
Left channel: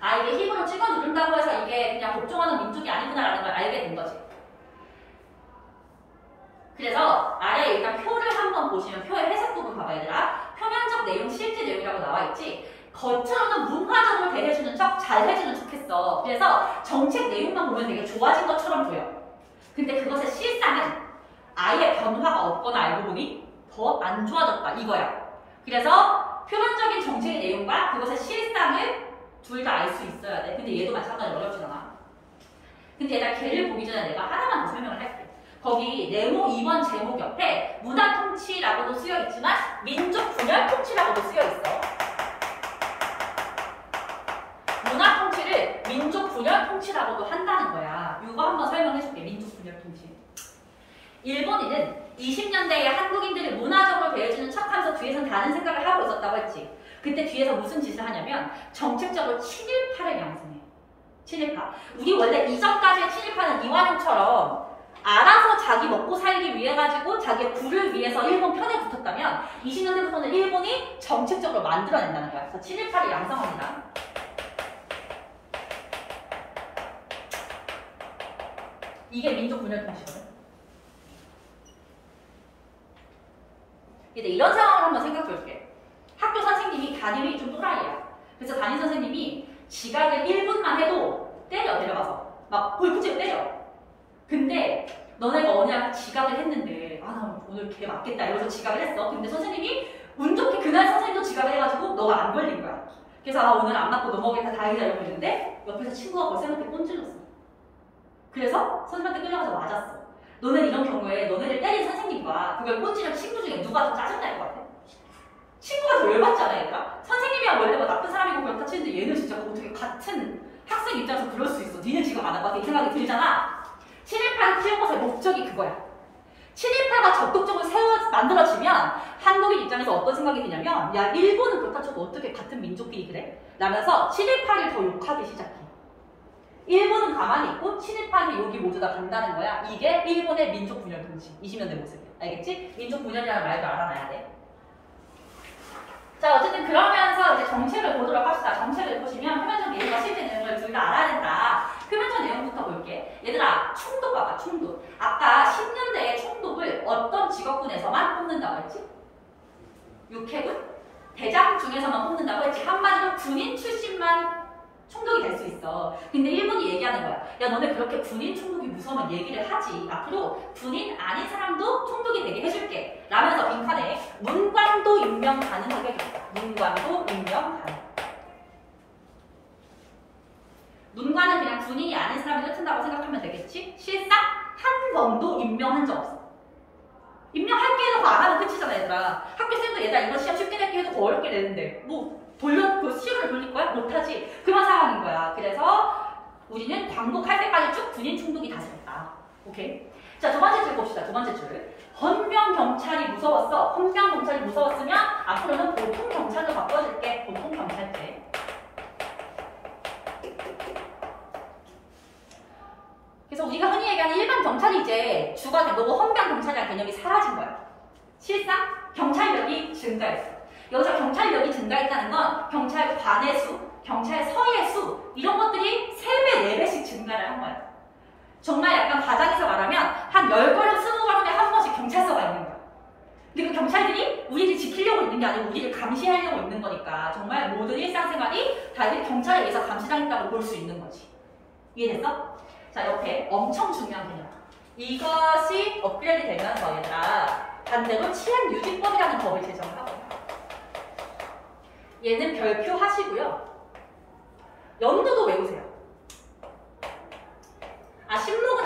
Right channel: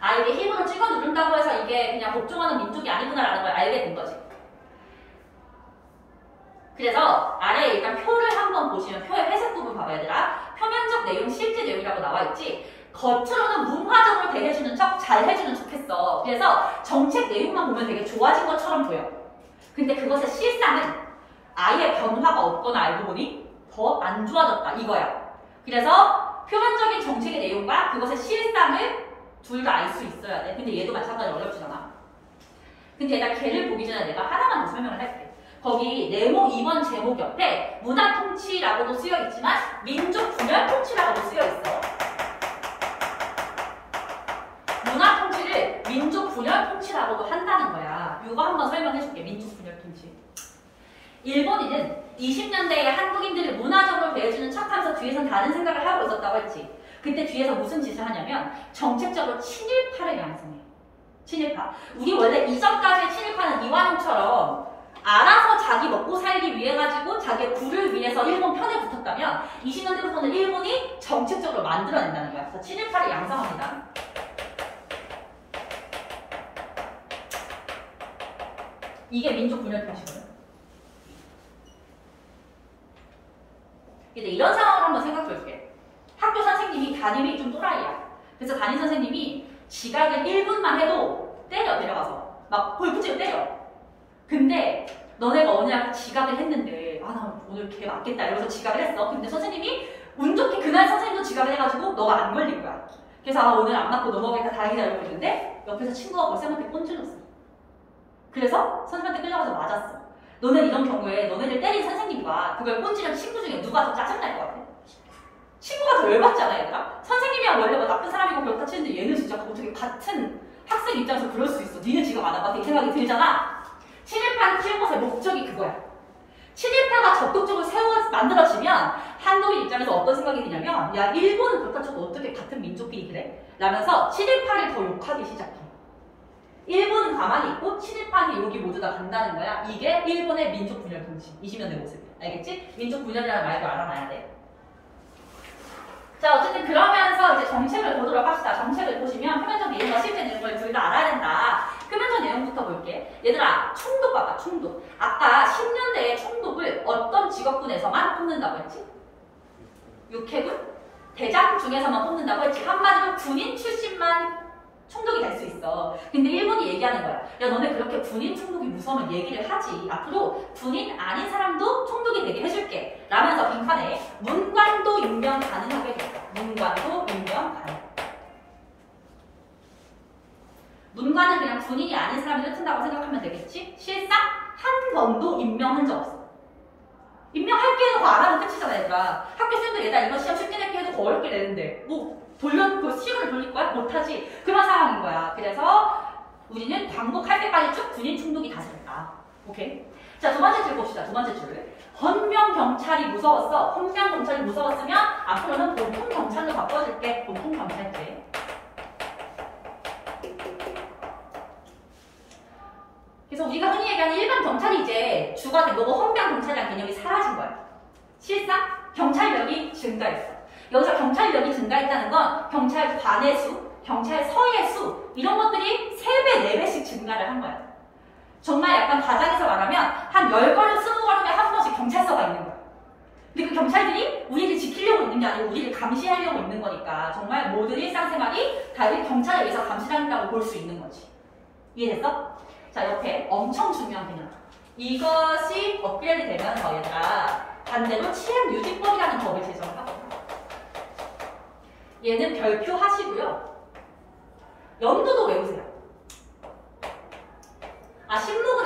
아, 이게 힘으로 찍어 누른다고 해서 이게 그냥 복종하는 민족이 아니구나라는 걸 알게 된 거지. 그래서 아래에 일단 표를 한번 보시면 표의 회색 부분 봐봐 얘들아. 표면적 내용, 실제 내용이라고 나와 있지. 겉으로는 문화적으로 대해주는 척, 잘해주는 척 했어. 그래서 정책 내용만 보면 되게 좋아진 것처럼 보여. 근데 그것의 실상은 아예 변화가 없거나 알고 보니 더 안 좋아졌다 이거야. 그래서 표면적인 정책의 내용과 그것의 실상을 둘 다 알 수 있어야 돼. 근데 얘도 마찬가지로 어렵진 않아. 근데 일단 걔를 보기 전에 내가 하나만 더 설명을 할게. 거기 네모 2번 제목 옆에 문화통치라고도 쓰여있지만 민족분열통치라고도 쓰여있어. 문화통치를 민족분열통치라고도 한다는 거야. 이거 한번 설명해줄게. 민족분열통치. 일본인은 20년대에 한국인들을 문화적으로 대해주는 척하면서 뒤에서는 다른 생각을 하고 있었다고 했지. 그때 뒤에서 무슨 짓을 하냐면 정책적으로 친일파를 양성해. 친일파. 우리 원래 이전까지의 친일파는 이완용처럼 알아서 자기 먹고 살기 위해 가지고 자기의 부를 위해서 일본 편에 붙었다면 20년대부터는 일본이 정책적으로 만들어낸다는 거야. 그래서 친일파를 양성합니다. 이게 민족분열통치거든. 근데 이런 상황을 한번 생각해볼게. 학교 선생님이 담임이 좀 또라이야. 그래서 담임 선생님이 지각을 1분만 해도 때려, 데려가서. 막 골프채로 때려. 근데 너네가 어느 날 지각을 했는데 아, 나 오늘 걔 맞겠다 이러면서 지각을 했어. 근데 선생님이 운 좋게 그날 선생님도 지각을 해가지고 너가 안 걸린 거야. 그래서 아, 오늘 안 맞고 넘어가겠다 다행이다 이러고 있는데 옆에서 친구가 그 쌤한테 꼰질렀어. 그래서 선생님한테 끌려가서 맞았어. 너는 이런 경우에 너네들 때린 선생님과 그걸 꼰지른 친구 중에 누가 더 짜증날 것 같아? 친구가 더 열받지 않아 얘들아? 선생님이야 원래 뭐 나쁜 사람이고 그렇다 치는데 얘는 진짜 어떻게 같은 학생 입장에서 그럴 수 있어. 니는 지금 안 할 것 같아 이 생각이 들잖아. 친일파를 키운 것의 목적이 그거야. 친일파가 적극적으로 만들어지면 한국인 입장에서 어떤 생각이 드냐면 야 일본은 그렇다 쳐도 어떻게 같은 민족끼리 그래? 라면서 친일파를 더 욕하기 시작해. 일본은 가만히 있고 친일파는 욕이 모두 다 간다는 거야. 이게 일본의 민족분열통치 20년대 모습이야. 알겠지? 민족분열이라는 말도 알아놔야 돼. 자 어쨌든 그러면서 이제 정책을 보도록 합시다. 정책을 보시면 표면적 내용과 실제 내용을 둘 다 알아야 된다. 표면적 내용부터 볼게. 얘들아 총독 봐봐. 총독. 아까 10년대에 총독을 어떤 직업군에서만 뽑는다고 했지? 육해군? 대장 중에서만 뽑는다고 했지. 한마디로 군인 출신만 총독이 될 수 있어. 근데 일본이 얘기하는 거야. 야 너네 그렇게 군인 총독이 무서우면 얘기를 하지. 앞으로 군인 아닌 사람도 총독이 되게 해줄게. 라면서 빈칸에 문관도 임명 가능하게 해줬다. 문관도 임명 가능. 문관은 그냥 군인이 아닌 사람이 흩은다고 생각하면 되겠지? 실상 한 번도 임명한 적 없어. 임명할게 해놓고 안 하면 끝이잖아 얘들아. 학교 쌤도 얘들아 이거 시험 쉽게 낼게 해도 더 어렵게 내는데 뭐 그 시험을 돌릴 거야? 못하지. 그런 상황인 거야. 그래서 우리는 광복할 때까지 쭉 군인 총독이 다스렸다. 오케이? 자, 두 번째 줄 봅시다. 두 번째 줄. 헌병 경찰이 무서웠어. 헌병 경찰이 무서웠으면 앞으로는 보통 경찰로 바꿔줄게. 보통 경찰제. 그래서 우리가 흔히 얘기하는 일반 경찰이 이제 주가 되고 헌병 경찰이라는 개념이 사라진 거야. 실상 경찰력이 증가했어. 여기서 경찰력이 증가했다는 건 경찰관의 수, 경찰서의 수 이런 것들이 3배, 4배씩 증가를 한 거야. 정말 약간 가장에서 말하면 한 10걸음, 20걸음에 한 번씩 경찰서가 있는 거야. 그리고 경찰들이 우리를 지키려고 있는 게 아니고 우리를 감시하려고 있는 거니까 정말 모든 일상생활이 다 경찰에 의해서 감시당했다고 볼 수 있는 거지. 이해됐어? 자, 옆에 엄청 중요한 개념. 이것이 업그레이드 되면서 얘들아 반대로 치안유지법이라는 법을 제정을 하고 얘는 별표 하시고요. 연도도 외우세요.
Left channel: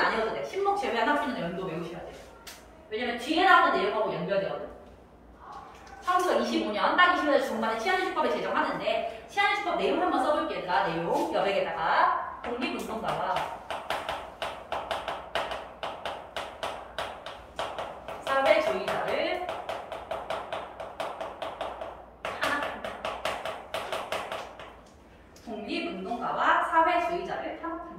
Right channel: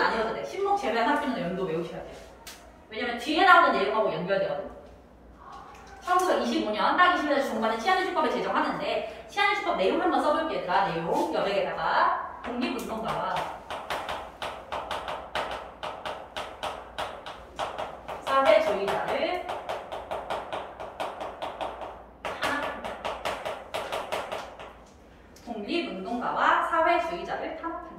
안 외워도 돼. 신목 제외한 학기는 연도 외우셔야 돼요. 왜냐면 뒤에 나오는 내용하고 연결되거든. 1925년 딱 20년 중반에 치안유지법을 제정하는데 치안유지법 내용 한번 써볼게요. 얘들아. 내용 여백에다가 독립운동가와 사회주의자를 탄압한다. 독립운동가와 사회주의자를 탄압한다.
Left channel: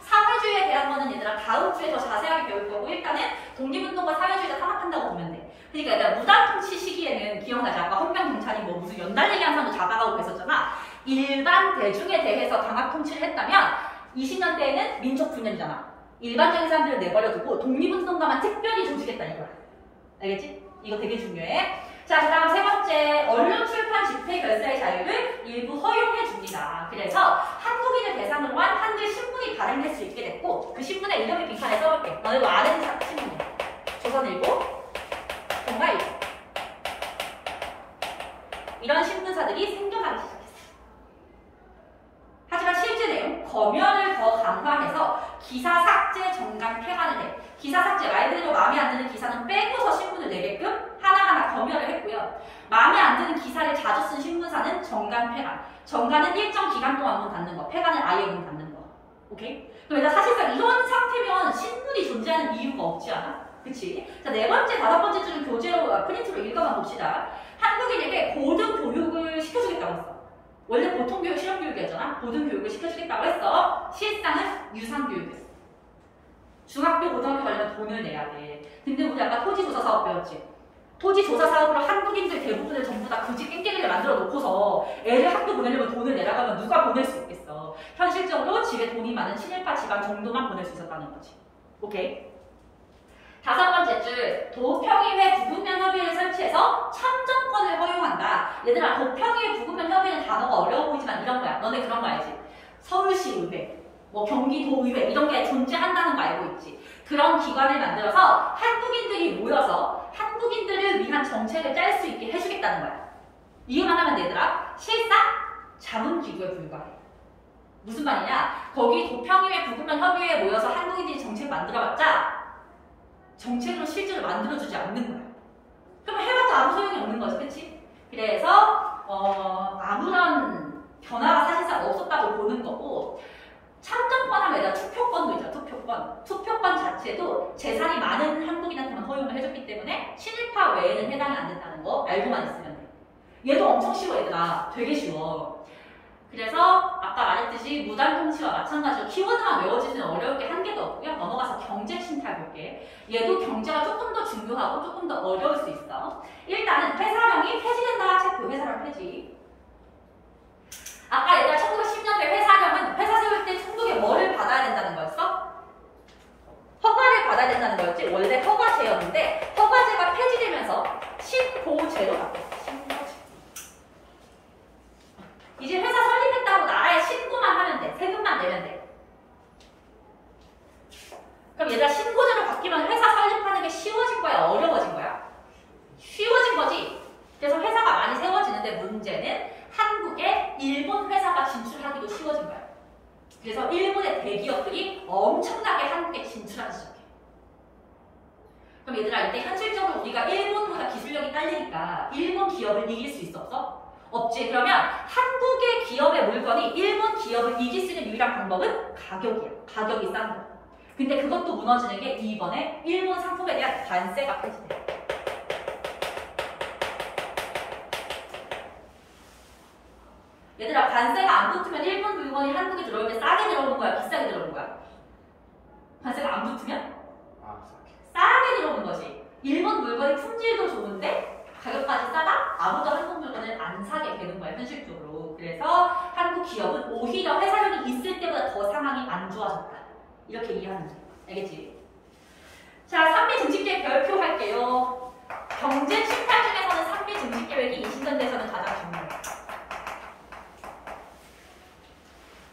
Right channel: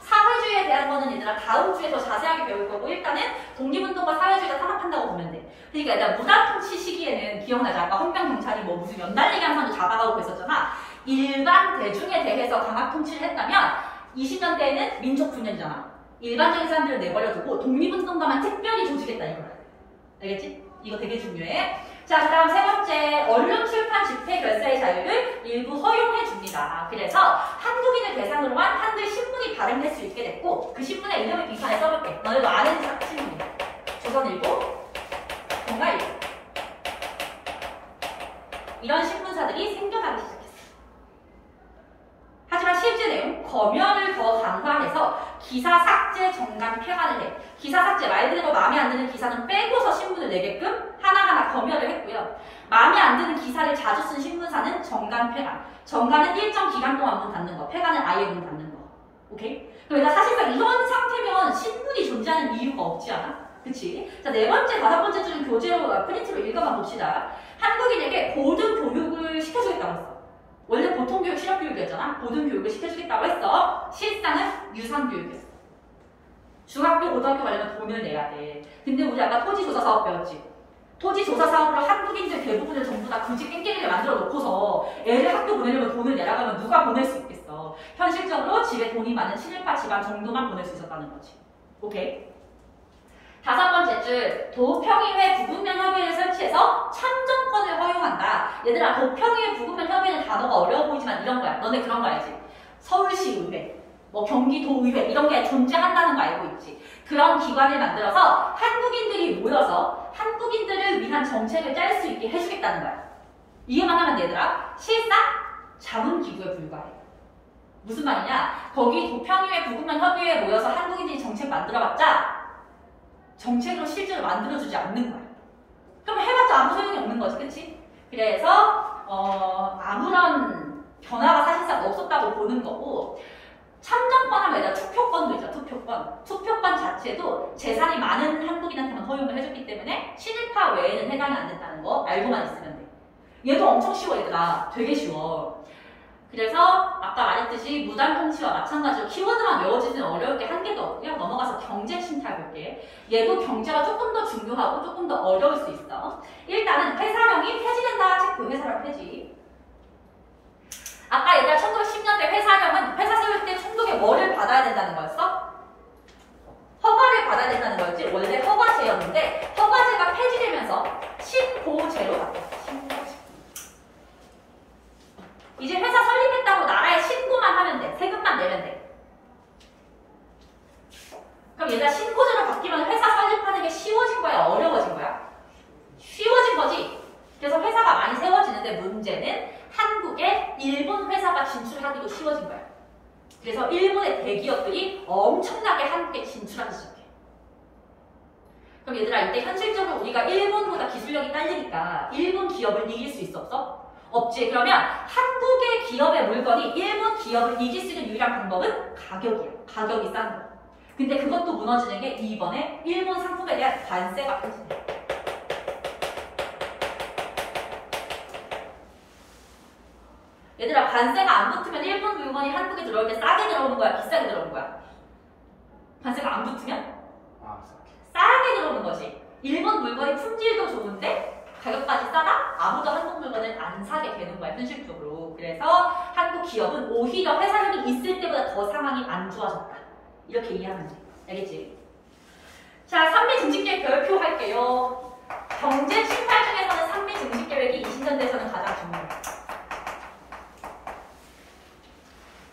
사회주의에 대한 거는 얘들아 다음 주에 더 자세하게 배울 거고 일단은 독립운동과 사회주의자 탄압한다고 보면 돼. 그러니까 얘들아 무단통치 시기에는 기억나지? 아까 헌병경찰이 뭐 무슨 연달리기 한 사람도 잡아가고 그랬었잖아. 일반 대중에 대해서 강압 통치를 했다면 20년대에는 민족분열이잖아. 일반적인 사람들을 내버려두고 독립운동가만 특별히 조직했다 이거야. 알겠지? 이거 되게 중요해. 자, 그 다음 세 번째, 언론, 출판, 집회, 결사의 자유를 일부 허용해 줍니다. 그래서 한국인을 대상으로 한 한글 신문이 발행될 수 있게 됐고 그 신문의 이름을 빈칸에 써볼게. 너네도 아는 신문이야. 조선일보, 동아일보. 이런 신문사들이 생겨나기 시작했어. 하지만 실제 내용, 검열을 더 강화해서 기사 삭제, 정간, 폐간을 해. 기사 삭제, 말 그대로 마음에 안 드는 기사는 빼고서 신문을 내게끔 하나하나 검열을 했고요. 마음에 안 드는 기사를 자주 쓴 신문사는 정간, 폐간. 정간은 일정 기간 동안 문 닫는 거, 폐간은 아예 문 닫는 거. 오케이? 그러니까 사실상 이런 상태면 신문이 존재하는 이유가 없지 않아? 그치? 자, 네 번째, 다섯 번째 줄은 교재로, 프린트로 읽어만 봅시다. 한국인에게 고등 교육을 시켜주겠다고 했어. 원래 보통교육 실업교육이었잖아. 고등교육을 시켜주겠다고 했어. 실상은 유상교육이었어. 중학교, 고등학교 가려면 돈을 내야 돼. 근데 우리 아까 토지조사 사업 배웠지? 토지조사 사업으로 한국인들 대부분을 전부 다 굳이 깽깽이를 만들어 놓고서 애를 학교 보내려면 돈을 내라고 하면 누가 보낼 수 있겠어. 현실적으로 집에 돈이 많은 친일파 집안 정도만 보낼 수 있었다는 거지. 오케이? 다섯 번째 줄, 도평의회 부국면 협의회를 설치해서 참정권을 허용한다. 얘들아, 도평의회 부국면 협의회는 단어가 어려워 보이지만 이런 거야. 너네 그런 거 알지? 서울시의회, 뭐 경기도의회 이런 게 존재한다는 거 알고 있지? 그런 기관을 만들어서 한국인들이 모여서 한국인들을 위한 정책을 짤 수 있게 해주겠다는 거야. 이해만 하면 얘들아, 실상 자문기구에 불과해. 무슨 말이냐? 거기 도평의회 부국면 협의회에 모여서 한국인들이 정책 만들어봤자 정책으로 실제로 만들어주지 않는 거야. 그럼 해봤자 아무 소용이 없는 거지, 그치? 그래서 아무런 변화가 사실상 없었다고 보는 거고 참정권 하면 얘들아 투표권도 있잖아, 투표권. 투표권 자체도 재산이 많은 한국인한테만 허용을 해줬기 때문에 친일파 외에는 해당이 안 된다는 거 알고만 있으면 돼. 얘도 엄청 쉬워, 얘들아. 되게 쉬워. 그래서 아까 말했듯이 무단통치와 마찬가지로 키워드만 외워지는 어려울 게 한 개도 없고요. 넘어가서 경제 심탈 볼게. 얘도 경제가 조금 더 중요하고 조금 더 어려울 수 있어. 일단은 회사령이 폐지된다. 체크. 회사령 폐지. 아까 얘들아 1910년대 회사령은 회사 세울 때 총독의 뭐를 받아야 된다는 거였어? 허가를 받아야 된다는 거였지. 원래 허가제였는데 허가제가 폐지되면서 신고제로 바뀌었어. 신고제. 이제 회사 설립했다고 나라에 신고만 하면 돼. 세금만 내면 돼. 그럼 얘들아 신고제로 바뀌면 회사 설립하는 게 쉬워진 거야? 어려워진 거야? 쉬워진 거지. 그래서 회사가 많이 세워지는데 문제는 한국에 일본 회사가 진출하기도 쉬워진 거야. 그래서 일본의 대기업들이 엄청나게 한국에 진출하기 시작해. 그럼 얘들아 이때 현실적으로 우리가 일본보다 기술력이 딸리니까 일본 기업을 이길 수 있어 없어? 없지. 그러면 한국의 기업의 물건이 일본 기업을 이길 수 있는 유일한 방법은 가격이야. 가격이 싼 거. 근데 그것도 무너지는 게 이번에 일본 상품에 대한 관세가 폐지돼. 얘들아 관세가 안 붙으면 일본 물건이 한국에 들어올 때 싸게 들어오는 거야? 비싸게 들어오는 거야? 관세가 안 붙으면? 싸게 들어오는 거지. 일본 물건이 품질도 좋은데 가격까지 싸다? 아무도 한국 물건을 안 사게 되는 거야, 현실적으로. 그래서 한국 기업은 오히려 회사력이 있을 때보다 더 상황이 안 좋아졌다. 이렇게 이해하면 돼. 알겠지? 자, 3미 증식계획 발표할게요. 경제 심판 중에서는 3미 증식계획이 20년대에서는 가장 중요해요.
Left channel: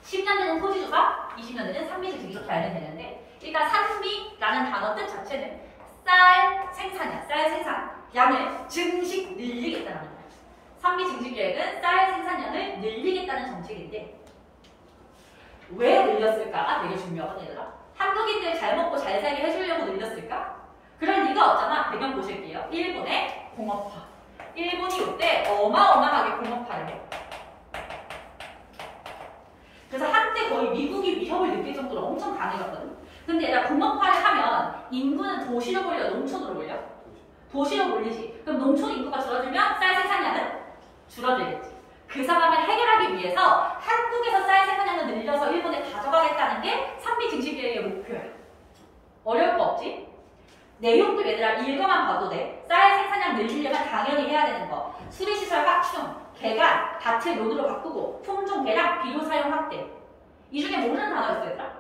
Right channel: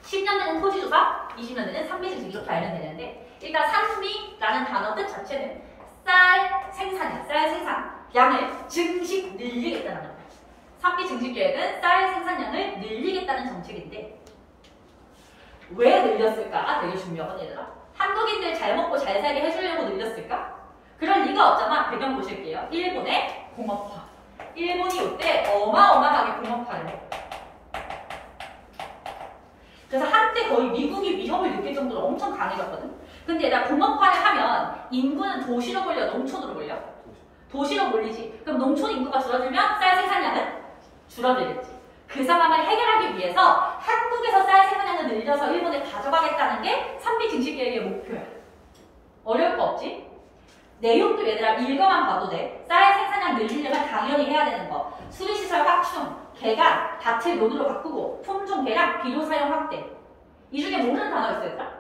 10년대는 토지조사, 20년대는 3미 증식 이렇게 알면 되는데 일단 3미라는 단어 뜻 자체는 쌀 생산이야. 쌀 생산. 양을 증식 늘리겠다는 거야. 3비 증식 계획은 쌀 생산량을 늘리겠다는 정책인데 왜 늘렸을까가 되게 중요하거든 얘들아. 한국인들 잘 먹고 잘 살게 해주려고 늘렸을까? 그럴 리가 없잖아. 배경 보실게요. 일본의 공업화. 일본이 이때 어마어마하게 공업화를 해. 그래서 한때 거의 미국이 위협을 느낄 정도로 엄청 강해졌거든. 근데 얘들아 공업화를 하면 인구는 도시로 몰려 농촌으로 몰려? 도시로 몰리지. 그럼 농촌 인구가 줄어들면 쌀 생산량은 줄어들겠지. 그 상황을 해결하기 위해서 한국에서 쌀 생산량을 늘려서 일본에 가져가겠다는 게 3비 증식 계획의 목표야. 어려울 거 없지? 내용도 얘들아 읽어만 봐도 돼. 쌀 생산량 늘리려면 당연히 해야 되는 거. 수리시설 확충, 개간, 밭을 논으로 바꾸고 품종 개량, 비료 사용 확대. 이 중에 모르는 단어 있어 얘들아?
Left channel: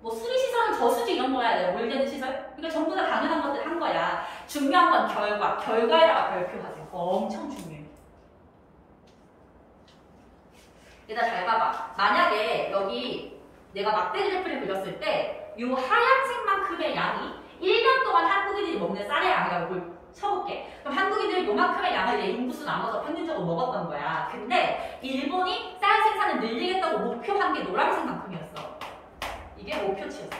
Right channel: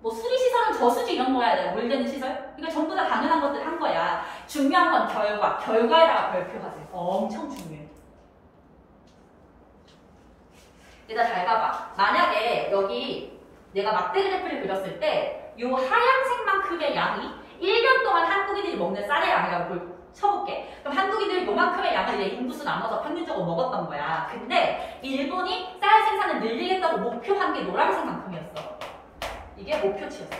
뭐 수리시설은 저수지 이런 거야 돼. 물 되는 시설? 그러니까 전부 다 당연한 것들 한 거야. 중요한 건 결과. 결과에다가 별표하세요. 엄청 중요해. 얘들아 잘 봐봐. 만약에 여기 내가 막대 그래프를 그렸을 때 이 하얀색만큼의 양이 1년 동안 한국인들이 먹는 쌀의 양이라고 쳐볼게. 그럼 한국인들이 요만큼의 양을 이제 인구수 나눠서 평균적으로 먹었던 거야. 근데 일본이 쌀 생산을 늘리겠다고 목표한 게 노란색만큼이었어. 이게 목표치였어.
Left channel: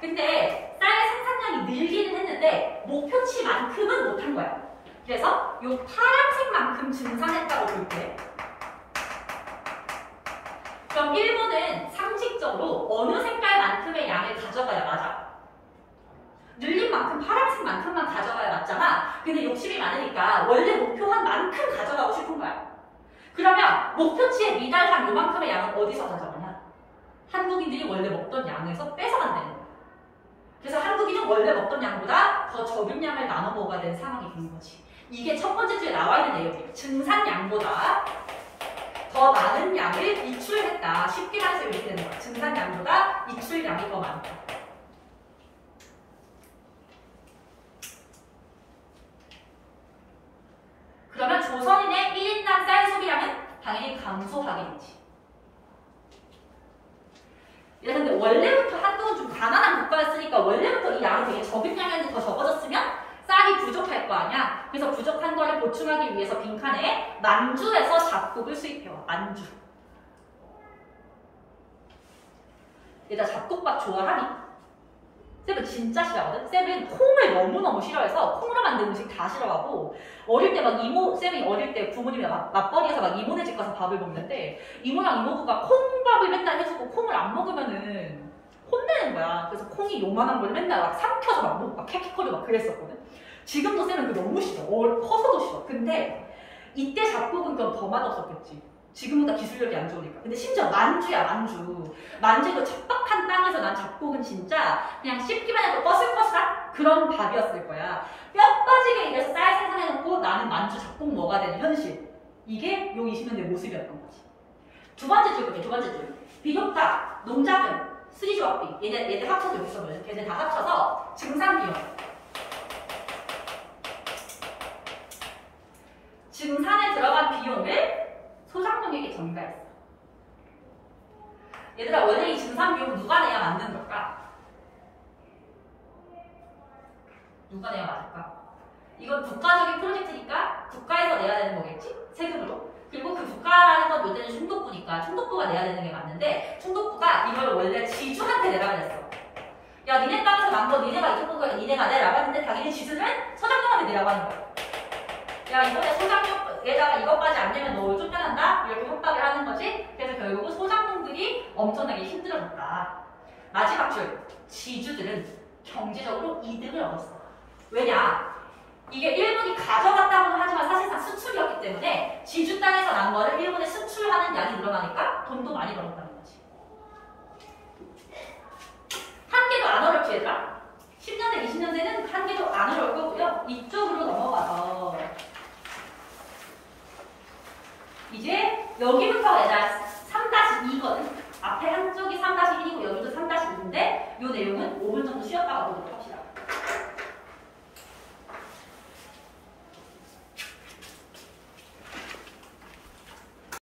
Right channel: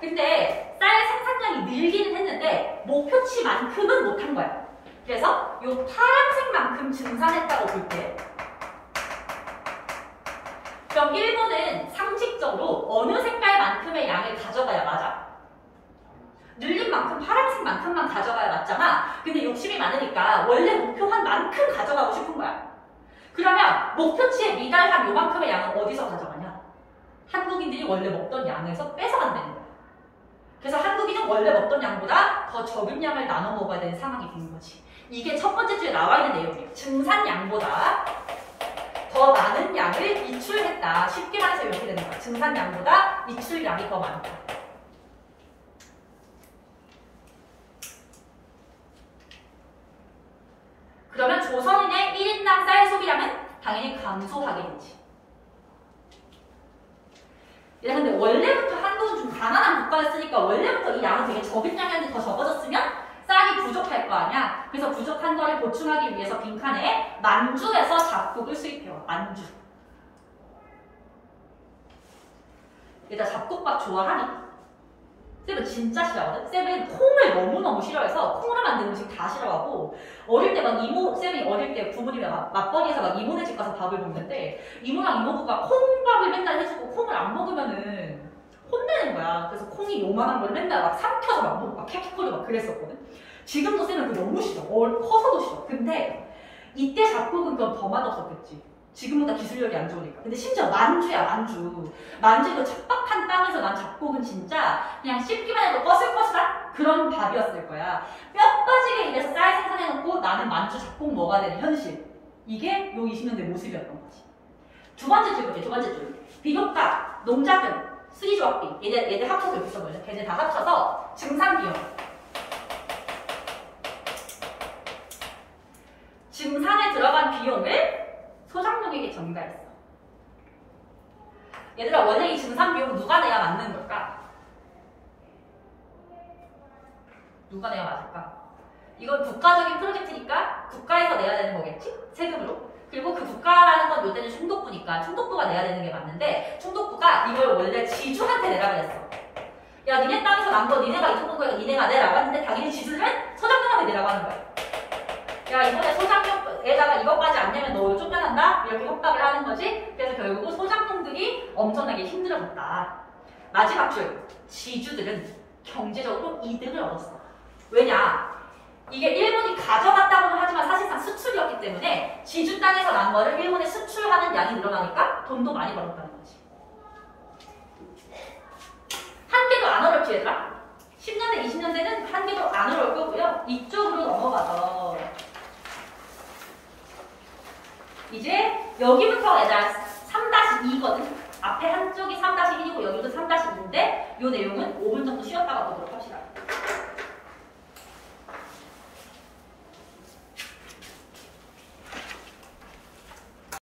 근데 쌀 생산량이 늘기는 했는데 목표치만큼은 못한 거야. 그래서 요 파란색만큼 증산했다고 볼게. 그럼 일본은 상식적으로 어느 색깔만큼의 양을 가져가야 맞아? 늘린 만큼 파란색만큼만 가져가야 맞잖아. 근데 욕심이 많으니까 원래 목표한 만큼 가져가고 싶은 거야. 그러면 목표치에 미달한 요만큼의 양은 어디서 가져가냐? 한국인들이 원래 먹던 양에서 뺏어간다는 거야. 그래서 한국인은 원래 먹던 양보다 더 적은 양을 나눠 먹어야 되는 상황이 되는 거지. 이게 첫 번째 주에 나와 있는 내용이에요. 증산량보다 더 많은 양을 이출했다. 쉽게 말해서 이렇게 되는 거야. 증산량보다 이출량이 더 많다. 그러면 조선인의 1인당 쌀 소비량은 당연히 감소하게 되지. 근데 원래부터 한국은 좀 가난한 국가였으니까 원래부터 이 양이 되게 적은 양이었는데 더 적어졌으면 쌀이 부족할 거 아니야. 그래서 부족한 거를 보충하기 위해서 빈칸에 만주에서 잡곡을 수입해와. 만주. 얘들아 잡곡밥 좋아하니? 쌤은 진짜 싫어하거든? 쌤은 콩을 너무너무 싫어해서 콩으로 만든 음식 다 싫어하고 어릴 때 막 쌤이 어릴 때 부모님이랑 맞벌이해서 막 이모네 집 가서 밥을 먹는데 이모랑 이모부가 콩밥을 맨날 해주고 콩을 안 먹으면은 혼내는 거야. 그래서 콩이 요만한 걸 맨날 막 삼켜서 막 캐키커도 막 그랬었거든. 지금도 쌤은 그게 너무 싫어. 커서도 싫어. 근데 이때 잡곡은 그럼 더 맛없었겠지. 지금보다 기술력이 안 좋으니까. 근데 심지어 만주야 만주. 만주 그 척박한 땅에서 난 잡곡은 진짜 그냥 씹기만 해도 꺼슬꺼슬한 그런 밥이었을 거야. 뼈 빠지게 일해서 쌀 생산해놓고 나는 만주 잡곡 먹어야 되는 현실. 이게 요 20년대 모습이었던 거지. 두 번째 줄 볼게. 두 번째 줄. 비료값, 농자금, 수리조합비. 얘들 합쳐서 여기 써보죠. 걔네 다 합쳐서 증산비용. 증산에 들어간 비용을 소작농에게 전가했어. 얘들아 원래 이 증산 비용은 누가 내야 맞는 걸까? 누가 내야 맞을까? 이건 국가적인 프로젝트니까 국가에서 내야 되는 거겠지? 세금으로. 그리고 그 국가라는 건 요새는 총독부니까 총독부가 내야 되는 게 맞는데 총독부가 이걸 원래 지주한테 내라 그랬어. 야 니네 땅에서 난 거 니네가 이 정도 거니까 니네가 내라고 했는데 당연히 지주는 소작농한테 내라고 하는 거야. 야 이번에 소작농에다가 이것까지 안 내면 너 쫓겨난다? 이렇게 협박을 하는 거지. 그래서 결국은 소작농들이 엄청나게 힘들어졌다. 마지막 줄. 지주들은 경제적으로 이득을 얻었어. 왜냐? 이게 일본이 가져갔다고는 하지만 사실상 수출이었기 때문에 지주 땅에서 난 거를 일본에 수출하는 양이 늘어나니까 돈도 많이 벌었다는 거지. 한 개도 안 어렵지 얘들아? 10년대, 20년대는 한 개도 안 어려울 거고요. 이쪽으로 넘어가서 이제 여기부터가 얘들아 3-2거든. 앞에 한쪽이 3-1이고 여기도 3-2인데 이 내용은 5분 정도 쉬었다가 보도록 합시다.